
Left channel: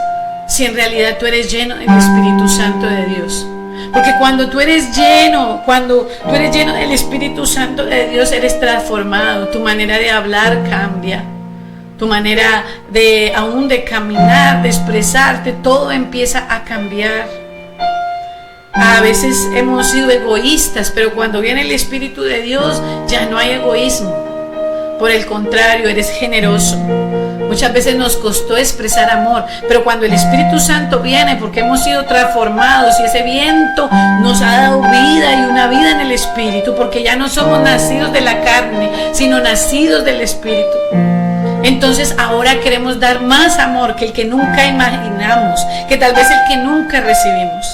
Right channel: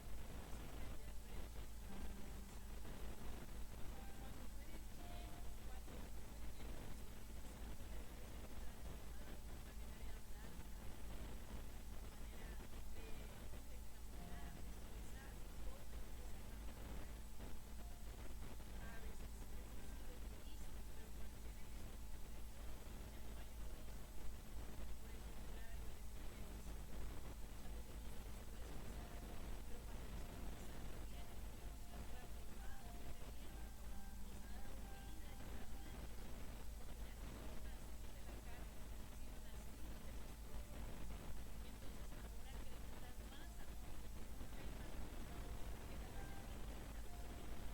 si en realidad tú eres lleno del Espíritu Santo de Dios. Porque cuando tú eres lleno del Espíritu Santo de Dios, eres transformado. Tu manera de hablar cambia. Tu manera de caminar, de expresarte, todo empieza a cambiar. A veces hemos sido egoístas, pero cuando viene el Espíritu de Dios, ya no hay egoísmo. Por el contrario, eres generoso. Muchas veces nos costó expresar amor, pero cuando el Espíritu Santo viene, porque hemos sido transformados y ese viento nos ha dado vida y una vida en el Espíritu, porque ya no somos nacidos de la carne, sino nacidos del Espíritu. Entonces ahora queremos dar más amor que el que nunca imaginamos, que tal vez el que nunca recibimos.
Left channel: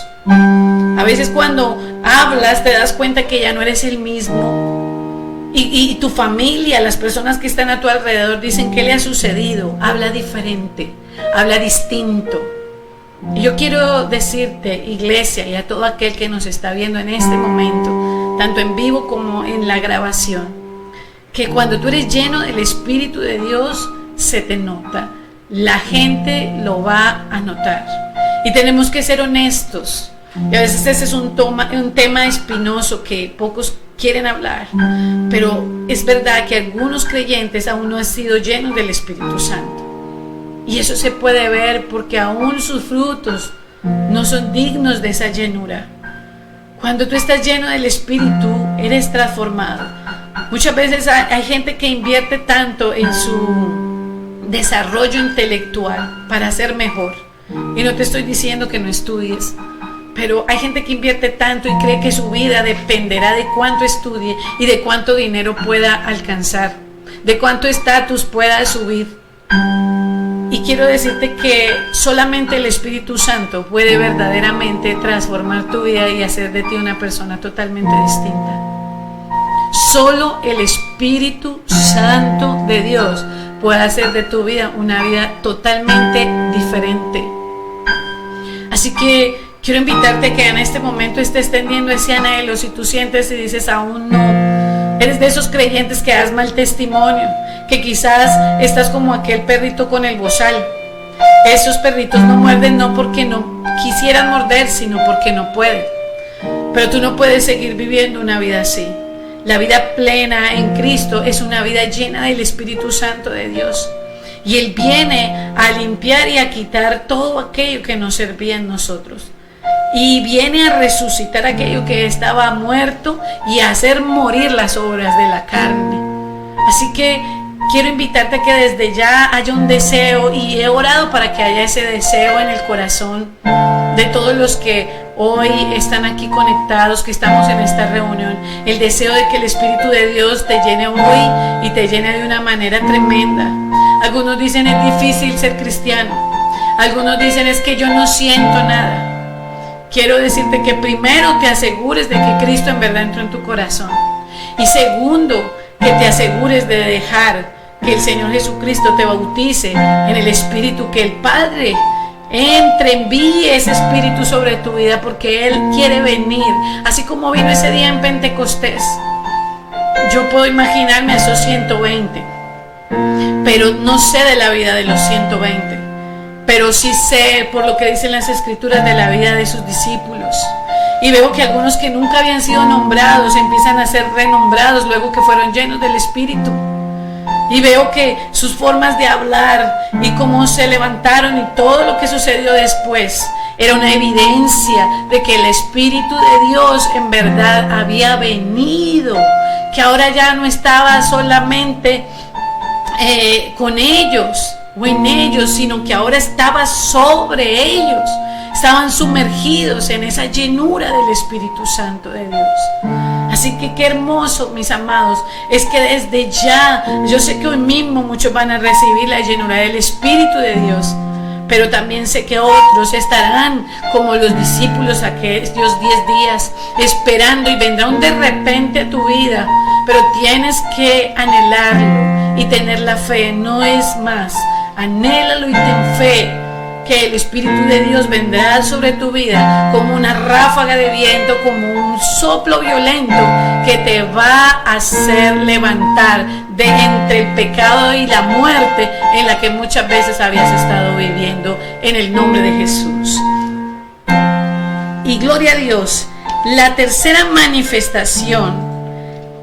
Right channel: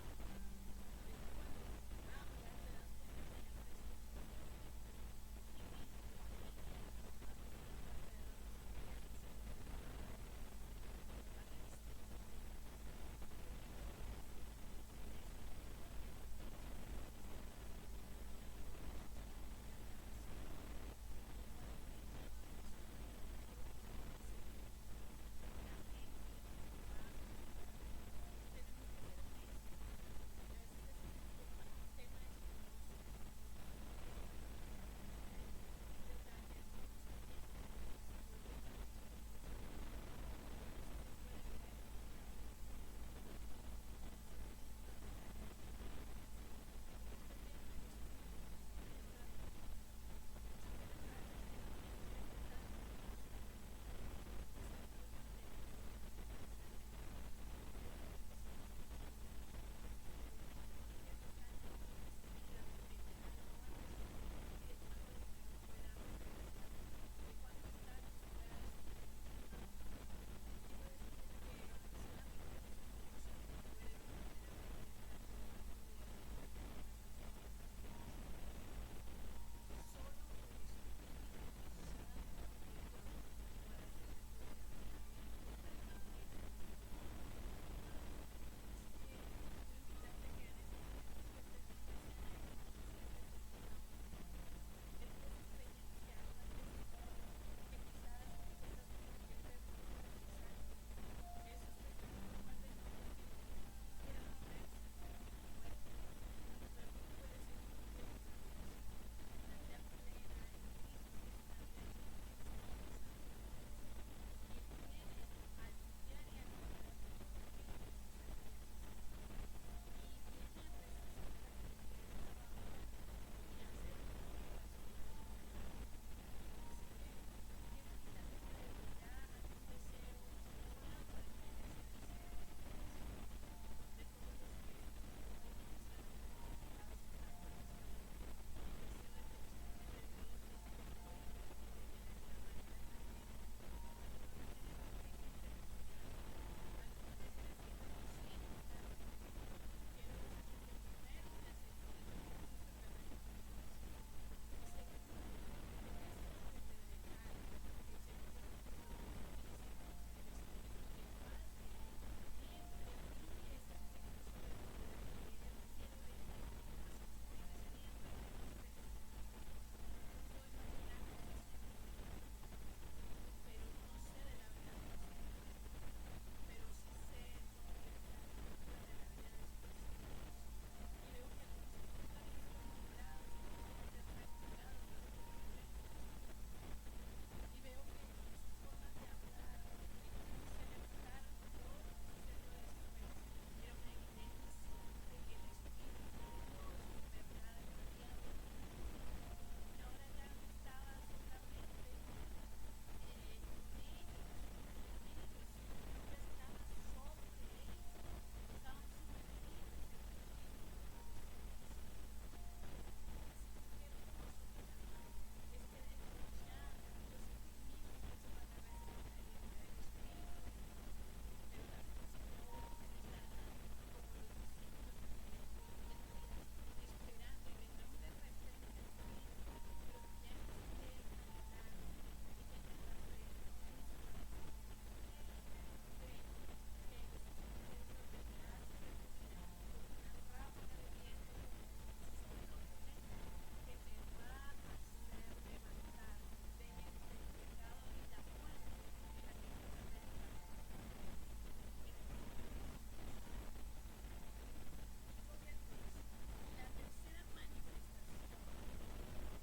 A veces cuando hablas te das cuenta que ya no eres el mismo. Y tu familia, las personas que están a tu alrededor dicen: ¿qué le ha sucedido? Habla diferente, habla distinto. Y yo quiero decirte, iglesia, y a todo aquel que nos está viendo en este momento, tanto en vivo como en la grabación, que cuando tú eres lleno del Espíritu de Dios, se te nota. La gente lo va a notar. Y tenemos que ser honestos. Y a veces ese es un tema espinoso que pocos quieren hablar, pero es verdad que algunos creyentes aún no han sido llenos del Espíritu Santo, y eso se puede ver porque aún sus frutos no son dignos de esa llenura. Cuando tú estás lleno del Espíritu, eres transformado. Muchas veces hay gente que invierte tanto en su desarrollo intelectual para ser mejor, y no te estoy diciendo que no estudies, pero hay gente que invierte tanto y cree que su vida dependerá de cuánto estudie y de cuánto dinero pueda alcanzar, de cuánto estatus pueda subir. Y quiero decirte que solamente el Espíritu Santo puede verdaderamente transformar tu vida y hacer de ti una persona totalmente distinta. Solo el Espíritu Santo de Dios puede hacer de tu vida una vida totalmente diferente. Así que quiero invitarte a que en este momento estés teniendo ese anhelo. Si tú sientes y dices: aún no, eres de esos creyentes que das mal testimonio, que quizás estás como aquel perrito con el bozal. Esos perritos no muerden no porque no quisieran morder, sino porque no pueden. Pero tú no puedes seguir viviendo una vida así. La vida plena en Cristo es una vida llena del Espíritu Santo de Dios. Y Él viene a limpiar y a quitar todo aquello que no servía en nosotros. Y viene a resucitar aquello que estaba muerto y a hacer morir las obras de la carne. Así que quiero invitarte a que desde ya haya un deseo, y he orado para que haya ese deseo en el corazón de todos los que hoy están aquí conectados, que estamos en esta reunión. El deseo de que el Espíritu de Dios te llene hoy y te llene de una manera tremenda. Algunos dicen: es difícil ser cristiano. Algunos dicen: es que yo no siento nada. Quiero decirte que primero te asegures de que Cristo en verdad entró en tu corazón. Y segundo, que te asegures de dejar que el Señor Jesucristo te bautice en el Espíritu, que el Padre envíe ese Espíritu sobre tu vida, porque Él quiere venir, así como vino ese día en Pentecostés. Yo puedo imaginarme a esos 120, pero no sé de la vida de los 120. Pero sí sé, por lo que dicen las Escrituras, de la vida de sus discípulos. Y veo que algunos que nunca habían sido nombrados empiezan a ser renombrados luego que fueron llenos del Espíritu. Y veo que sus formas de hablar y cómo se levantaron y todo lo que sucedió después era una evidencia de que el Espíritu de Dios en verdad había venido, que ahora ya no estaba solamente con ellos o en ellos, sino que ahora estaba sobre ellos. Estaban sumergidos en esa llenura del Espíritu Santo de Dios. Así que qué hermoso, mis amados, es que desde ya, yo sé que hoy mismo muchos van a recibir la llenura del Espíritu de Dios, pero también sé que otros estarán como los discípulos aquellos 10 días esperando, y vendrá un de repente a tu vida, pero tienes que anhelarlo y tener la fe. No es más, anhélalo y ten fe que el Espíritu de Dios vendrá sobre tu vida como una ráfaga de viento, como un soplo violento que te va a hacer levantar de entre el pecado y la muerte en la que muchas veces habías estado viviendo, en el nombre de Jesús. Y gloria a Dios. La tercera manifestación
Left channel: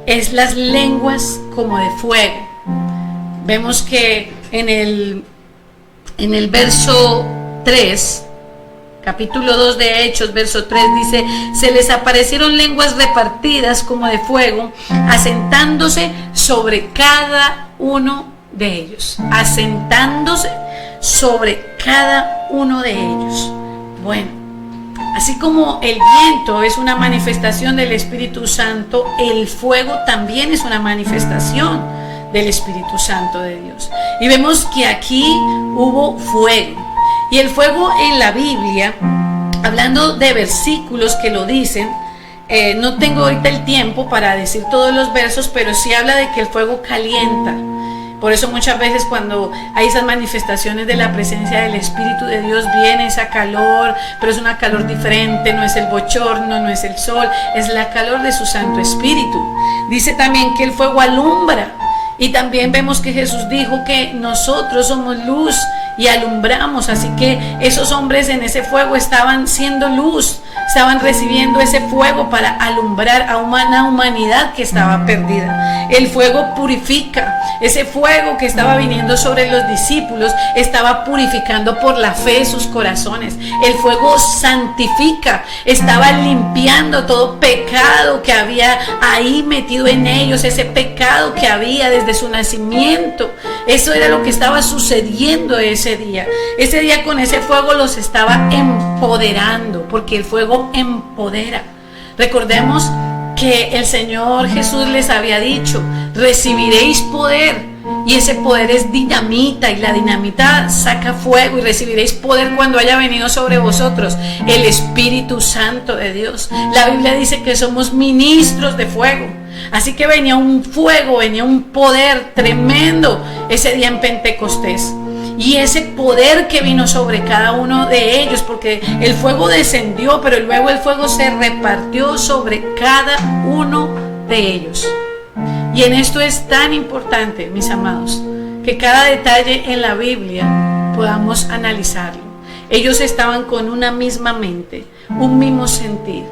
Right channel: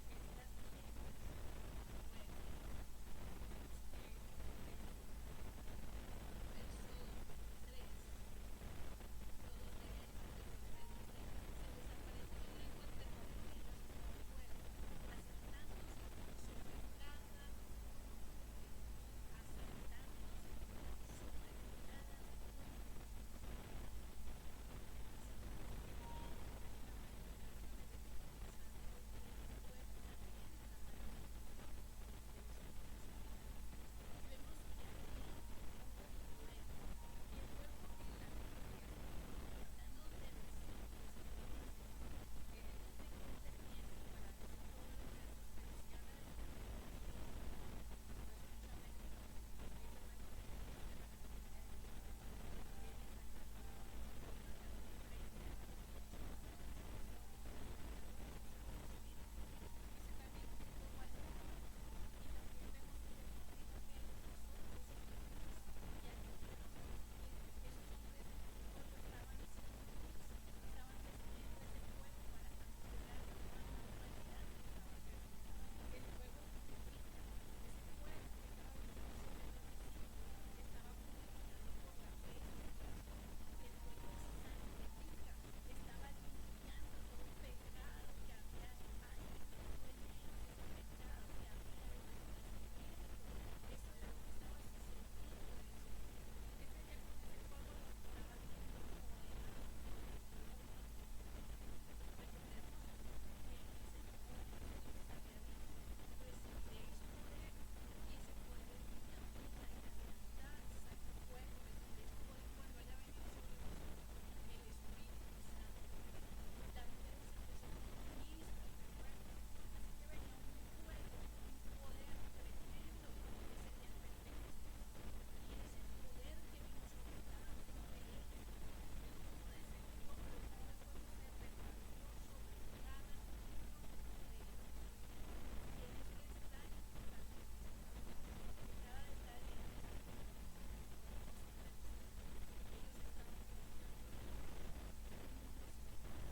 es las lenguas como de fuego. Vemos que en el verso 3, capítulo 2 de Hechos, verso 3 dice: se les aparecieron lenguas repartidas como de fuego, asentándose sobre cada uno de ellos, asentándose sobre cada uno de ellos. Bueno, así como el viento es una manifestación del Espíritu Santo, el fuego también es una manifestación del Espíritu Santo de Dios. Y vemos que aquí hubo fuego. Y el fuego en la Biblia, hablando de versículos que lo dicen, no tengo ahorita el tiempo para decir todos los versos, pero sí habla de que el fuego calienta. Por eso muchas veces cuando hay esas manifestaciones de la presencia del Espíritu de Dios, viene esa calor, pero es una calor diferente, no es el bochorno, no es el sol, es la calor de su Santo Espíritu. Dice también que el fuego alumbra. Y también vemos que Jesús dijo que nosotros somos luz y alumbramos, así que esos hombres en ese fuego estaban siendo luz, estaban recibiendo ese fuego para alumbrar a una humanidad que estaba perdida. El fuego purifica, ese fuego que estaba viniendo sobre los discípulos estaba purificando por la fe sus corazones. El fuego santifica, estaba limpiando todo pecado que había ahí metido en ellos, ese pecado que había desde su nacimiento. Eso era lo que estaba sucediendo ese día. Ese día con ese fuego los estaba empoderando, porque el fuego empodera. Recordemos que el Señor Jesús les había dicho: recibiréis poder. Y ese poder es dinamita, y la dinamita saca fuego, y recibiréis poder cuando haya venido sobre vosotros el Espíritu Santo de Dios. La Biblia dice que somos ministros de fuego. Así que venía un fuego, venía un poder tremendo ese día en Pentecostés. Y ese poder que vino sobre cada uno de ellos, porque el fuego descendió, pero luego el fuego se repartió sobre cada uno de ellos. Y en esto es tan importante, mis amados, que cada detalle en la Biblia podamos analizarlo. Ellos estaban con una misma mente, un mismo sentir.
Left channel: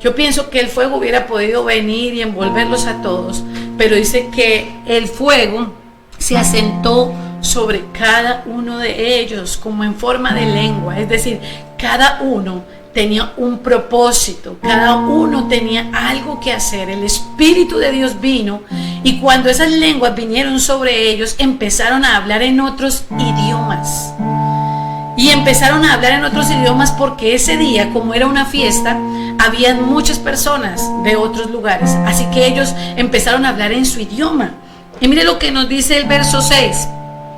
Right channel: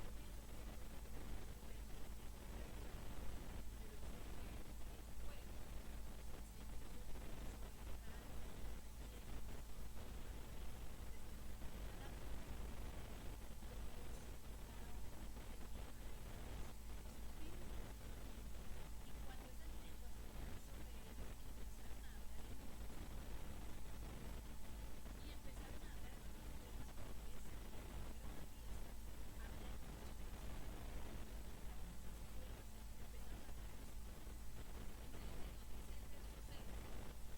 Yo pienso que el fuego hubiera podido venir y envolverlos a todos, pero dice que el fuego se asentó sobre cada uno de ellos como en forma de lengua, es decir, cada uno tenía un propósito, cada uno tenía algo que hacer. El Espíritu de Dios vino, y cuando esas lenguas vinieron sobre ellos, empezaron a hablar en otros idiomas. Y empezaron a hablar en otros idiomas porque ese día, como era una fiesta, habían muchas personas de otros lugares. Así que ellos empezaron a hablar en su idioma. Y mire lo que nos dice el verso 6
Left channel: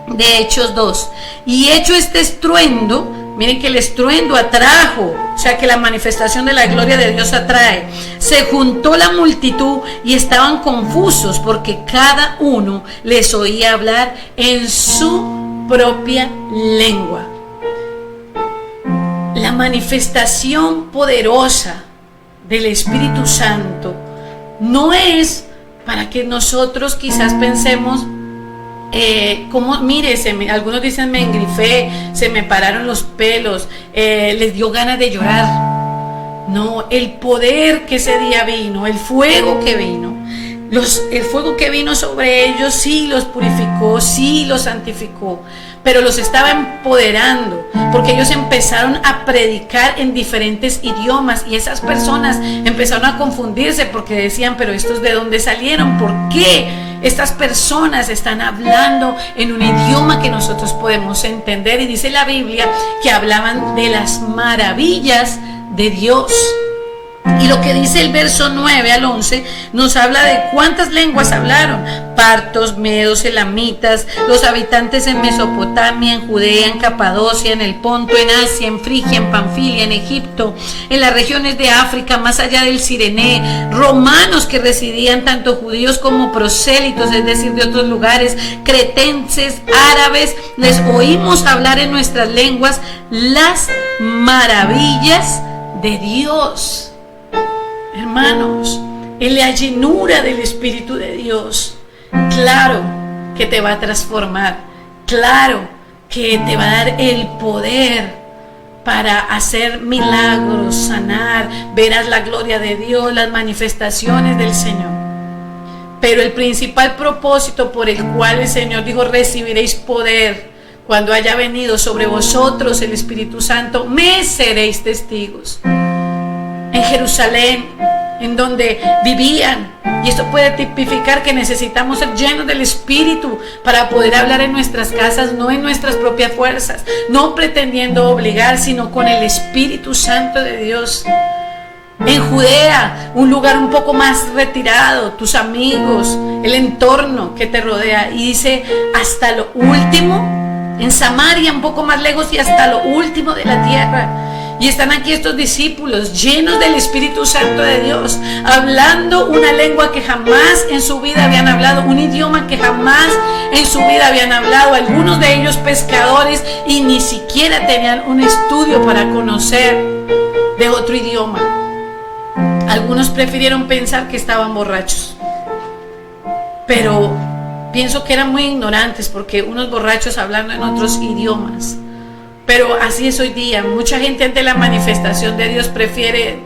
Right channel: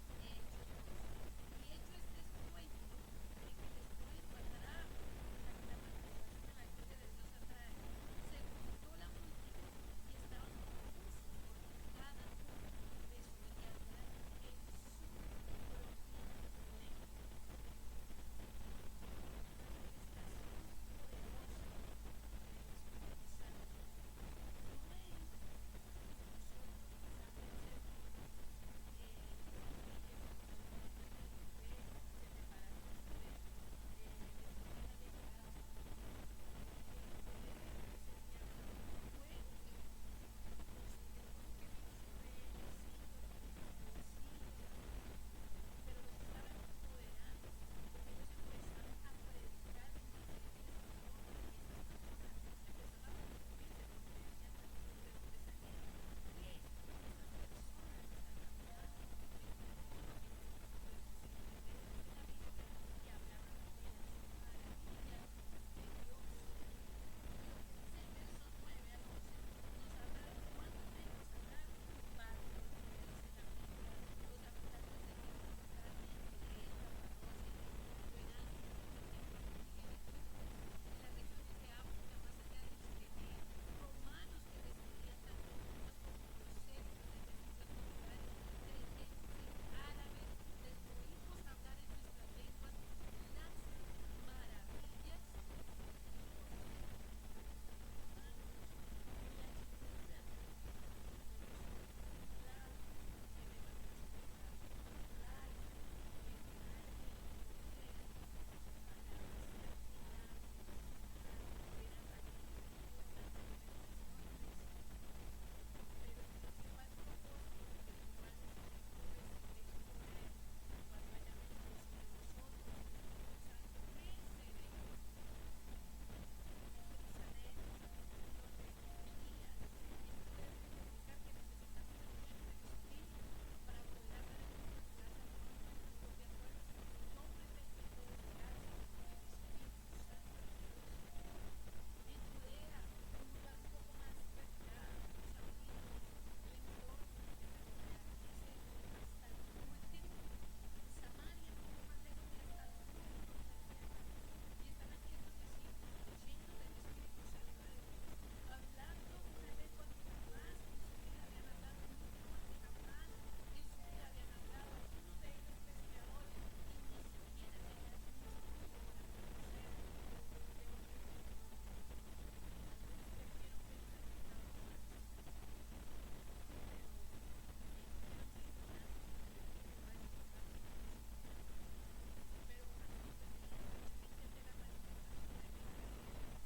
de Hechos 2. Y hecho este estruendo, miren que el estruendo atrajo, o sea que la manifestación de la gloria de Dios atrae. Se juntó la multitud y estaban confusos porque cada uno les oía hablar en su propia lengua. La manifestación poderosa del Espíritu Santo no es para que nosotros quizás pensemos como, mire, algunos dicen me engrifé, se me pararon los pelos, les dio ganas de llorar. No, el poder que ese día vino, el fuego que vino, el fuego que vino sobre ellos sí los purificó, sí los santificó, pero los estaba empoderando, porque ellos empezaron a predicar en diferentes idiomas, y esas personas empezaron a confundirse porque decían, pero ¿estos de dónde salieron? ¿Por qué estas personas están hablando en un idioma que nosotros podemos entender? Y dice la Biblia que hablaban de las maravillas de Dios. Y lo que dice el verso 9 al 11 nos habla de cuántas lenguas hablaron: partos, medos, elamitas, los habitantes en Mesopotamia, en Judea, en Capadocia, en el Ponto, en Asia, en Frigia, en Panfilia, en Egipto, en las regiones de África, más allá del Cirené, romanos que residían, tanto judíos como prosélitos, es decir, de otros lugares, cretenses, árabes. Les oímos hablar en nuestras lenguas las maravillas de Dios. Hermanos, en la llenura del Espíritu de Dios, claro que te va a transformar, claro que te va a dar el poder para hacer milagros, sanar, verás la gloria de Dios, las manifestaciones del Señor. Pero el principal propósito por el cual el Señor dijo: recibiréis poder cuando haya venido sobre vosotros el Espíritu Santo, me seréis testigos. En Jerusalén, en donde vivían. Y esto puede tipificar que necesitamos ser llenos del Espíritu para poder hablar en nuestras casas, no en nuestras propias fuerzas, no pretendiendo obligar, sino con el Espíritu Santo de Dios. En Judea, un lugar un poco más retirado, tus amigos, el entorno que te rodea. Y dice, hasta lo último, en Samaria, un poco más lejos, y hasta lo último de la tierra. Y están aquí estos discípulos llenos del Espíritu Santo de Dios, hablando una lengua que jamás en su vida habían hablado, un idioma que jamás en su vida habían hablado, algunos de ellos pescadores, y ni siquiera tenían un estudio para conocer de otro idioma. Algunos prefirieron pensar que estaban borrachos, pero pienso que eran muy ignorantes, porque unos borrachos hablando en otros idiomas. Pero así es hoy día. Mucha gente ante la manifestación de Dios prefiere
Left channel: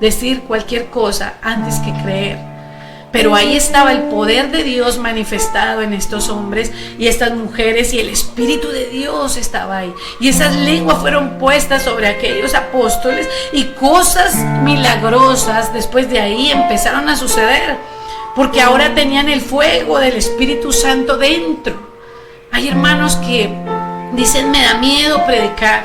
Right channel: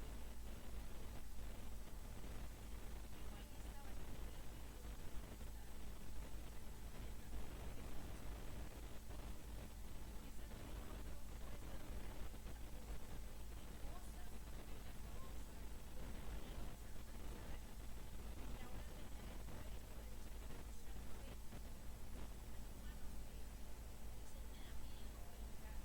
decir cualquier cosa antes que creer. Pero ahí estaba el poder de Dios manifestado en estos hombres y estas mujeres, y el Espíritu de Dios estaba ahí. Y esas lenguas fueron puestas sobre aquellos apóstoles, y cosas milagrosas después de ahí empezaron a suceder, porque ahora tenían el fuego del Espíritu Santo dentro. Hay hermanos que dicen, me da miedo predicar,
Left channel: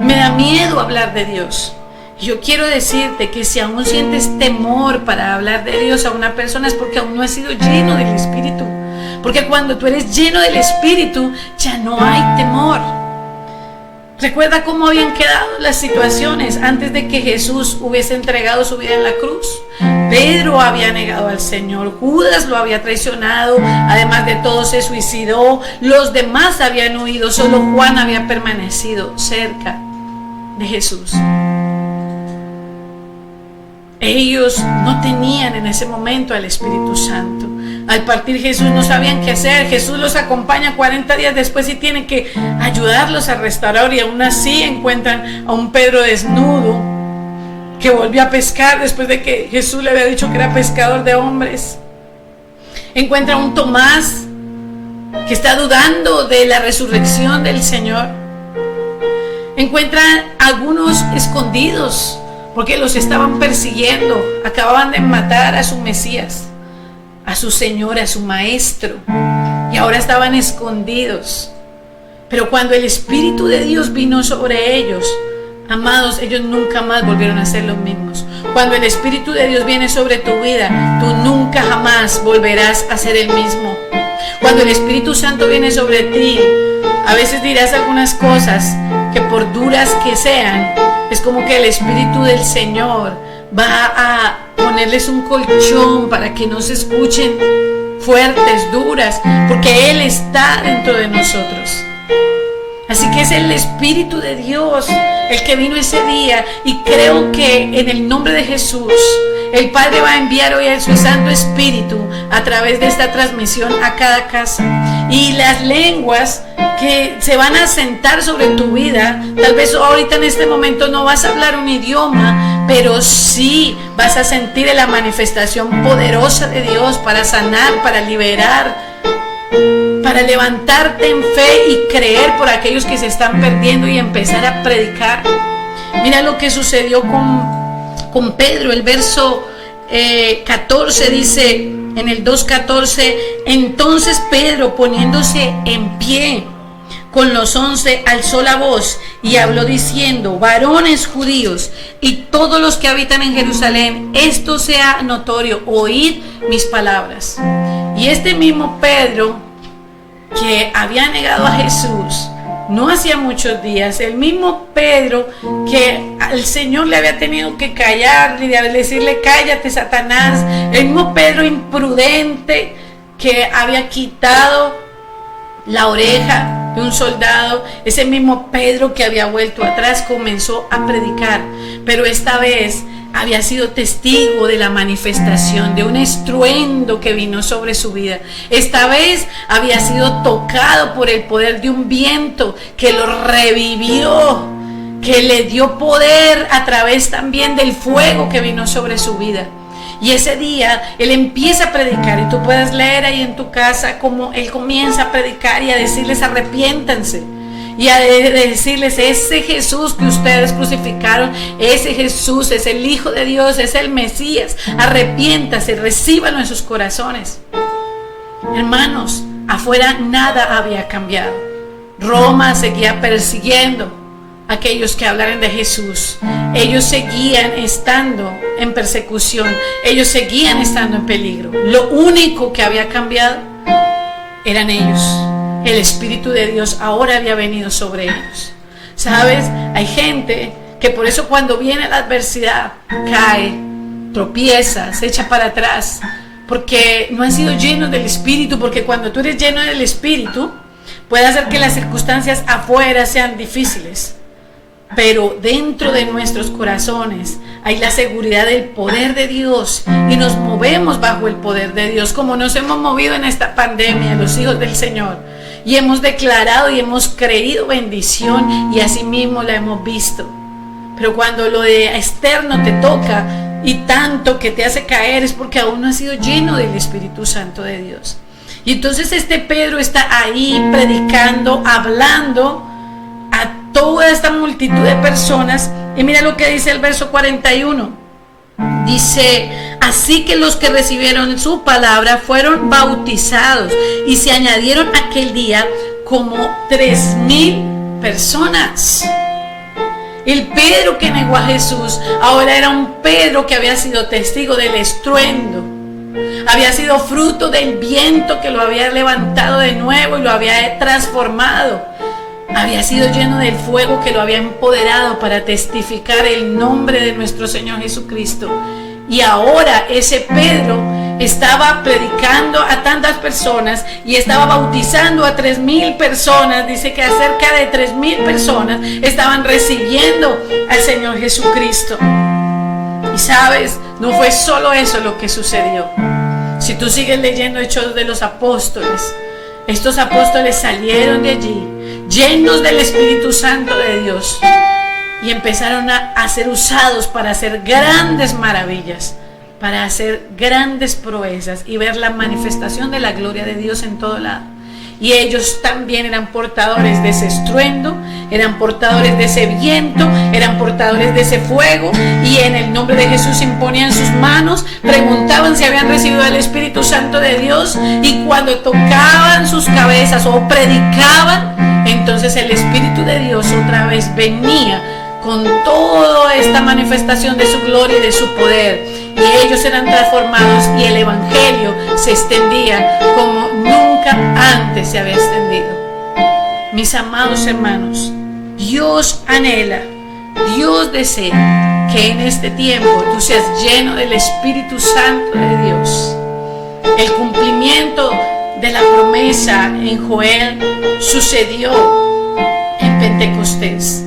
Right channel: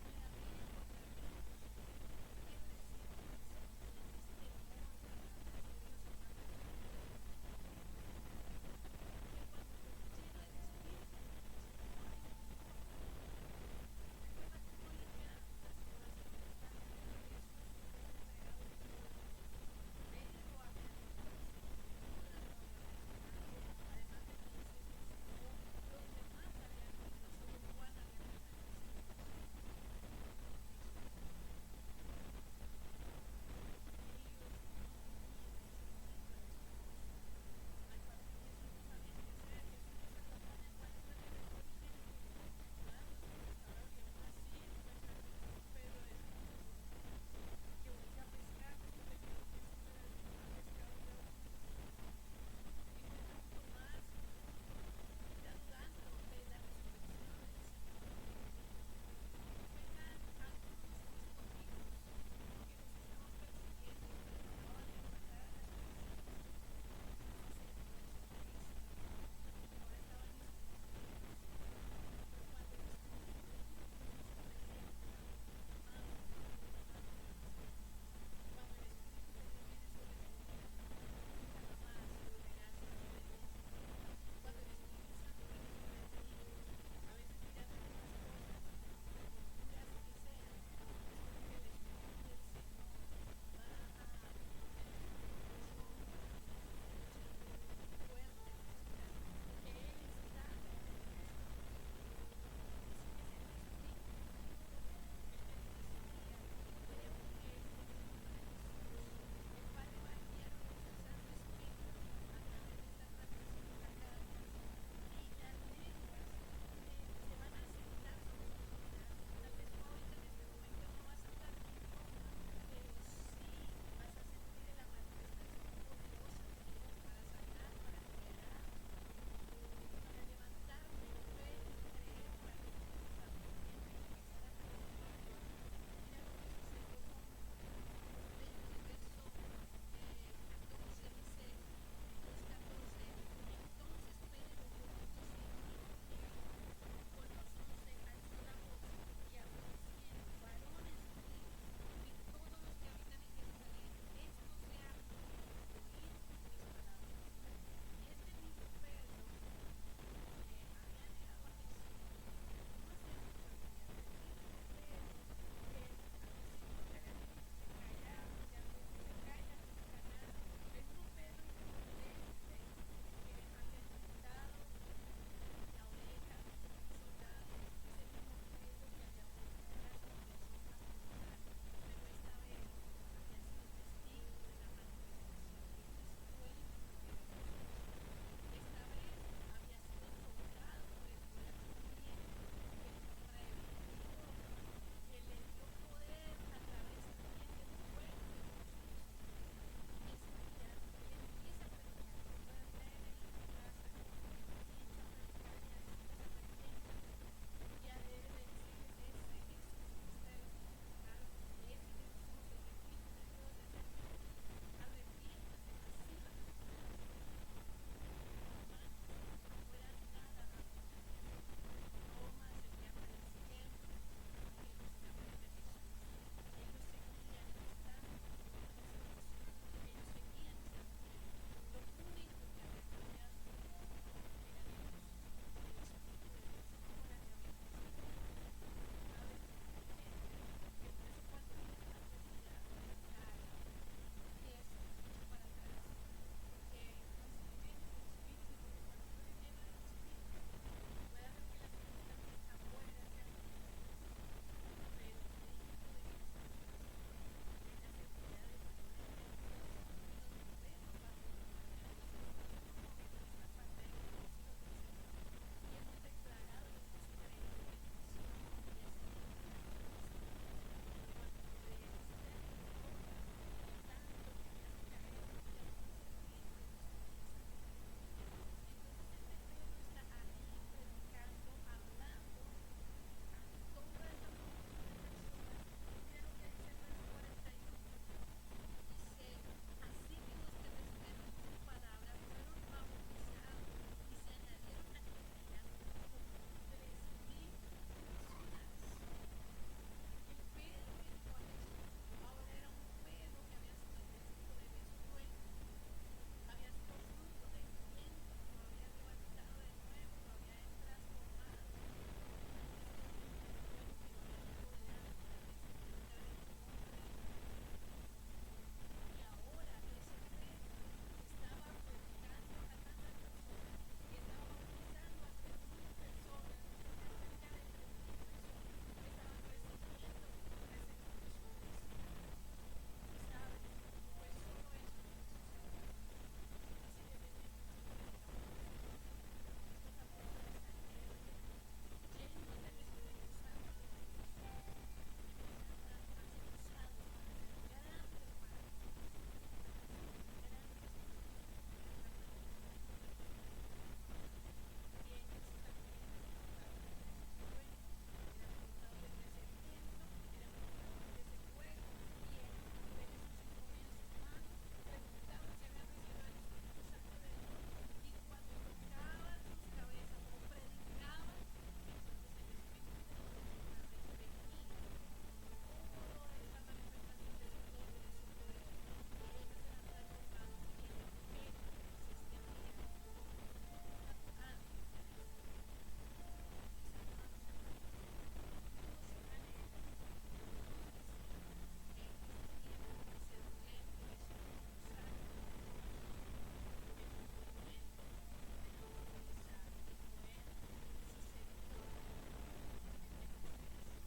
me da miedo hablar de Dios. Yo quiero decirte que si aún sientes temor para hablar de Dios a una persona, es porque aún no has sido lleno del Espíritu. Porque cuando tú eres lleno del Espíritu, ya no hay temor. Recuerda cómo habían quedado las situaciones antes de que Jesús hubiese entregado su vida en la cruz. Pedro había negado al Señor, Judas lo había traicionado, además de todo se suicidó, los demás habían huido, solo Juan había permanecido cerca de Jesús. Ellos no tenían en ese momento al Espíritu Santo. Al partir Jesús no sabían qué hacer. Jesús los acompaña 40 días después y tiene que ayudarlos a restaurar, y aún así encuentran a un Pedro desnudo que volvió a pescar después de que Jesús le había dicho que era pescador de hombres. Encuentra a un Tomás que está dudando de la resurrección del Señor. Encuentra a algunos escondidos porque los estaban persiguiendo. Acababan de matar a su Mesías, a su Señor, a su Maestro, y ahora estaban escondidos. Pero cuando el Espíritu de Dios vino sobre ellos, amados, ellos nunca más volvieron a ser los mismos. Cuando el Espíritu de Dios viene sobre tu vida, tú nunca jamás volverás a ser el mismo. Cuando el Espíritu Santo viene sobre ti, a veces dirás algunas cosas que, por duras que sean, es como que el Espíritu del Señor va a ponerles un colchón para que no se escuchen fuertes, duras, porque Él está dentro de nosotros. Así que es el Espíritu de Dios el que vino ese día, y creo que en el nombre de Jesús el Padre va a enviar hoy a su Santo Espíritu a través de esta transmisión a cada casa. Y las lenguas que se van a sentar sobre tu vida, tal vez ahorita en este momento no vas a hablar un idioma, pero sí vas a sentir la manifestación poderosa de Dios para sanar, para liberar, para levantarte en fe y creer por aquellos que se están perdiendo y empezar a predicar. Mira lo que sucedió con Pedro. El verso 14 dice, en el 2:14, entonces Pedro, poniéndose en pie con los 11, alzó la voz y habló diciendo, varones judíos y todos los que habitan en Jerusalén, esto sea notorio, oíd mis palabras. Y este mismo Pedro, que había negado a Jesús no hacía muchos días, el mismo Pedro que al Señor le había tenido que callar y decirle, cállate, Satanás, el mismo Pedro imprudente que había quitado la oreja de un soldado, ese mismo Pedro que había vuelto atrás comenzó a predicar, pero esta vez había sido testigo de la manifestación de un estruendo que vino sobre su vida. Esta vez había sido tocado por el poder de un viento que lo revivió, que le dio poder a través también del fuego que vino sobre su vida. Y ese día él empieza a predicar, y tú puedes leer ahí en tu casa cómo él comienza a predicar y a decirles arrepiéntanse. y a decirles: ese Jesús que ustedes crucificaron, ese Jesús es el Hijo de Dios, es el Mesías. Arrepiéntase, recíbanlo en sus corazones. Hermanos, afuera nada había cambiado. Roma seguía persiguiendo a aquellos que hablaran de Jesús. Ellos seguían estando en persecución, ellos seguían estando en peligro. Lo único que había cambiado eran ellos. El Espíritu de Dios ahora había venido sobre ellos. ¿Sabes? Hay gente que por eso cuando viene la adversidad cae, tropieza, se echa para atrás, porque no han sido llenos del Espíritu. Porque cuando tú eres lleno del Espíritu, puede hacer que las circunstancias afuera sean difíciles, pero dentro de nuestros corazones hay la seguridad del poder de Dios y nos movemos bajo el poder de Dios, como nos hemos movido en esta pandemia, los hijos del Señor, y hemos declarado y hemos creído bendición, y así mismo la hemos visto. Pero cuando lo de externo te toca y tanto que te hace caer, es porque aún no has sido lleno del Espíritu Santo de Dios. Y entonces este Pedro está ahí predicando, hablando a toda esta multitud de personas. Y mira lo que dice el verso 41. Dice: así que los que recibieron su palabra fueron bautizados, y se añadieron aquel día como 3,000 personas. El Pedro que negó a Jesús ahora era un Pedro que había sido testigo del estruendo, había sido fruto del viento que lo había levantado de nuevo y lo había transformado. Había sido lleno del fuego que lo había empoderado para testificar el nombre de nuestro Señor Jesucristo. Y ahora ese Pedro estaba predicando a tantas personas y estaba bautizando a 3,000 personas. Dice que cerca de 3,000 personas estaban recibiendo al Señor Jesucristo. Y sabes, no fue solo eso lo que sucedió. Si tú sigues leyendo Hechos de los Apóstoles, estos apóstoles salieron de allí llenos del Espíritu Santo de Dios y empezaron a ser usados para hacer grandes maravillas, para hacer grandes proezas y ver la manifestación de la gloria de Dios en todo lado. Y ellos también eran portadores de ese estruendo, eran portadores de ese viento, eran portadores de ese fuego, y en el nombre de Jesús imponían sus manos, preguntaban si habían recibido el Espíritu Santo de Dios, y cuando tocaban sus cabezas o predicaban, entonces el Espíritu de Dios otra vez venía con toda esta manifestación de su gloria y de su poder, y ellos eran transformados y el Evangelio se extendía como nunca antes se había extendido. Mis amados hermanos, Dios anhela, Dios desea que en este tiempo tú seas lleno del Espíritu Santo de Dios. El cumplimiento de la promesa en Joel sucedió en Pentecostés,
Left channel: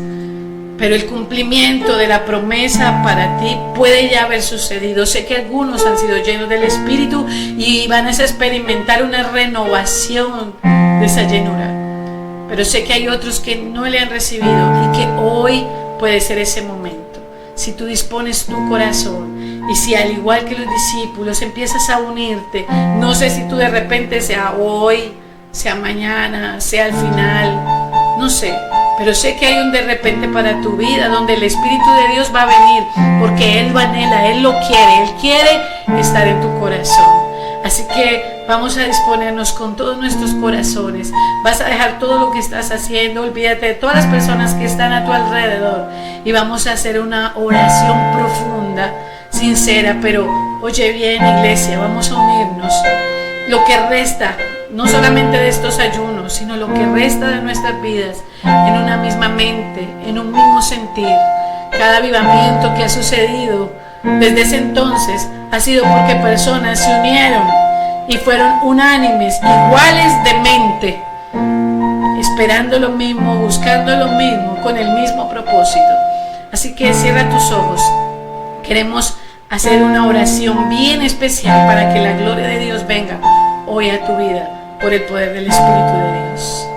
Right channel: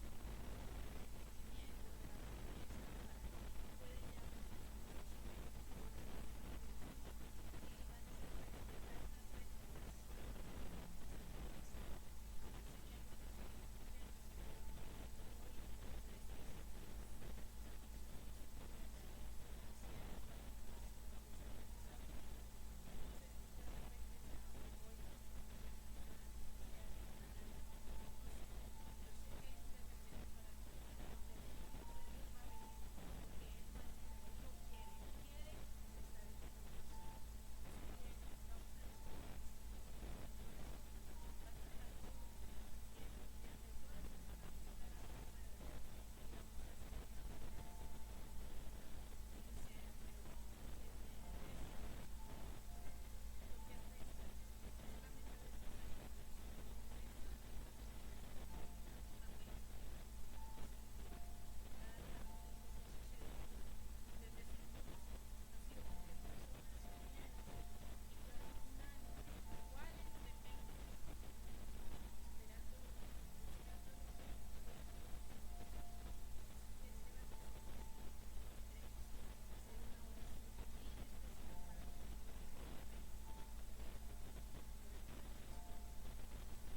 pero el cumplimiento de la promesa para ti puede ya haber sucedido. Sé que algunos han sido llenos del Espíritu y van a experimentar una renovación de esa llenura, pero sé que hay otros que no le han recibido y que hoy puede ser ese momento. Si tú dispones tu corazón y si al igual que los discípulos empiezas a unirte, no sé si tú de repente sea hoy, sea mañana, sea al final, no sé, pero sé que hay un de repente para tu vida donde el Espíritu de Dios va a venir, porque Él lo anhela, Él lo quiere, Él quiere estar en tu corazón. Así que vamos a disponernos con todos nuestros corazones. Vas a dejar todo lo que estás haciendo, olvídate de todas las personas que están a tu alrededor y vamos a hacer una oración profunda, sincera, pero oye bien, iglesia, vamos a unirnos. Lo que resta, no solamente de estos ayunos, sino lo que resta de nuestras vidas, en una misma mente, en un mismo sentir. Cada avivamiento que ha sucedido desde ese entonces ha sido porque personas se unieron y fueron unánimes, iguales de mente, esperando lo mismo, buscando lo mismo, con el mismo propósito. Así que cierra tus ojos. Queremos hacer una oración bien especial para que la gloria de Dios venga hoy a tu vida por el poder del Espíritu de Dios.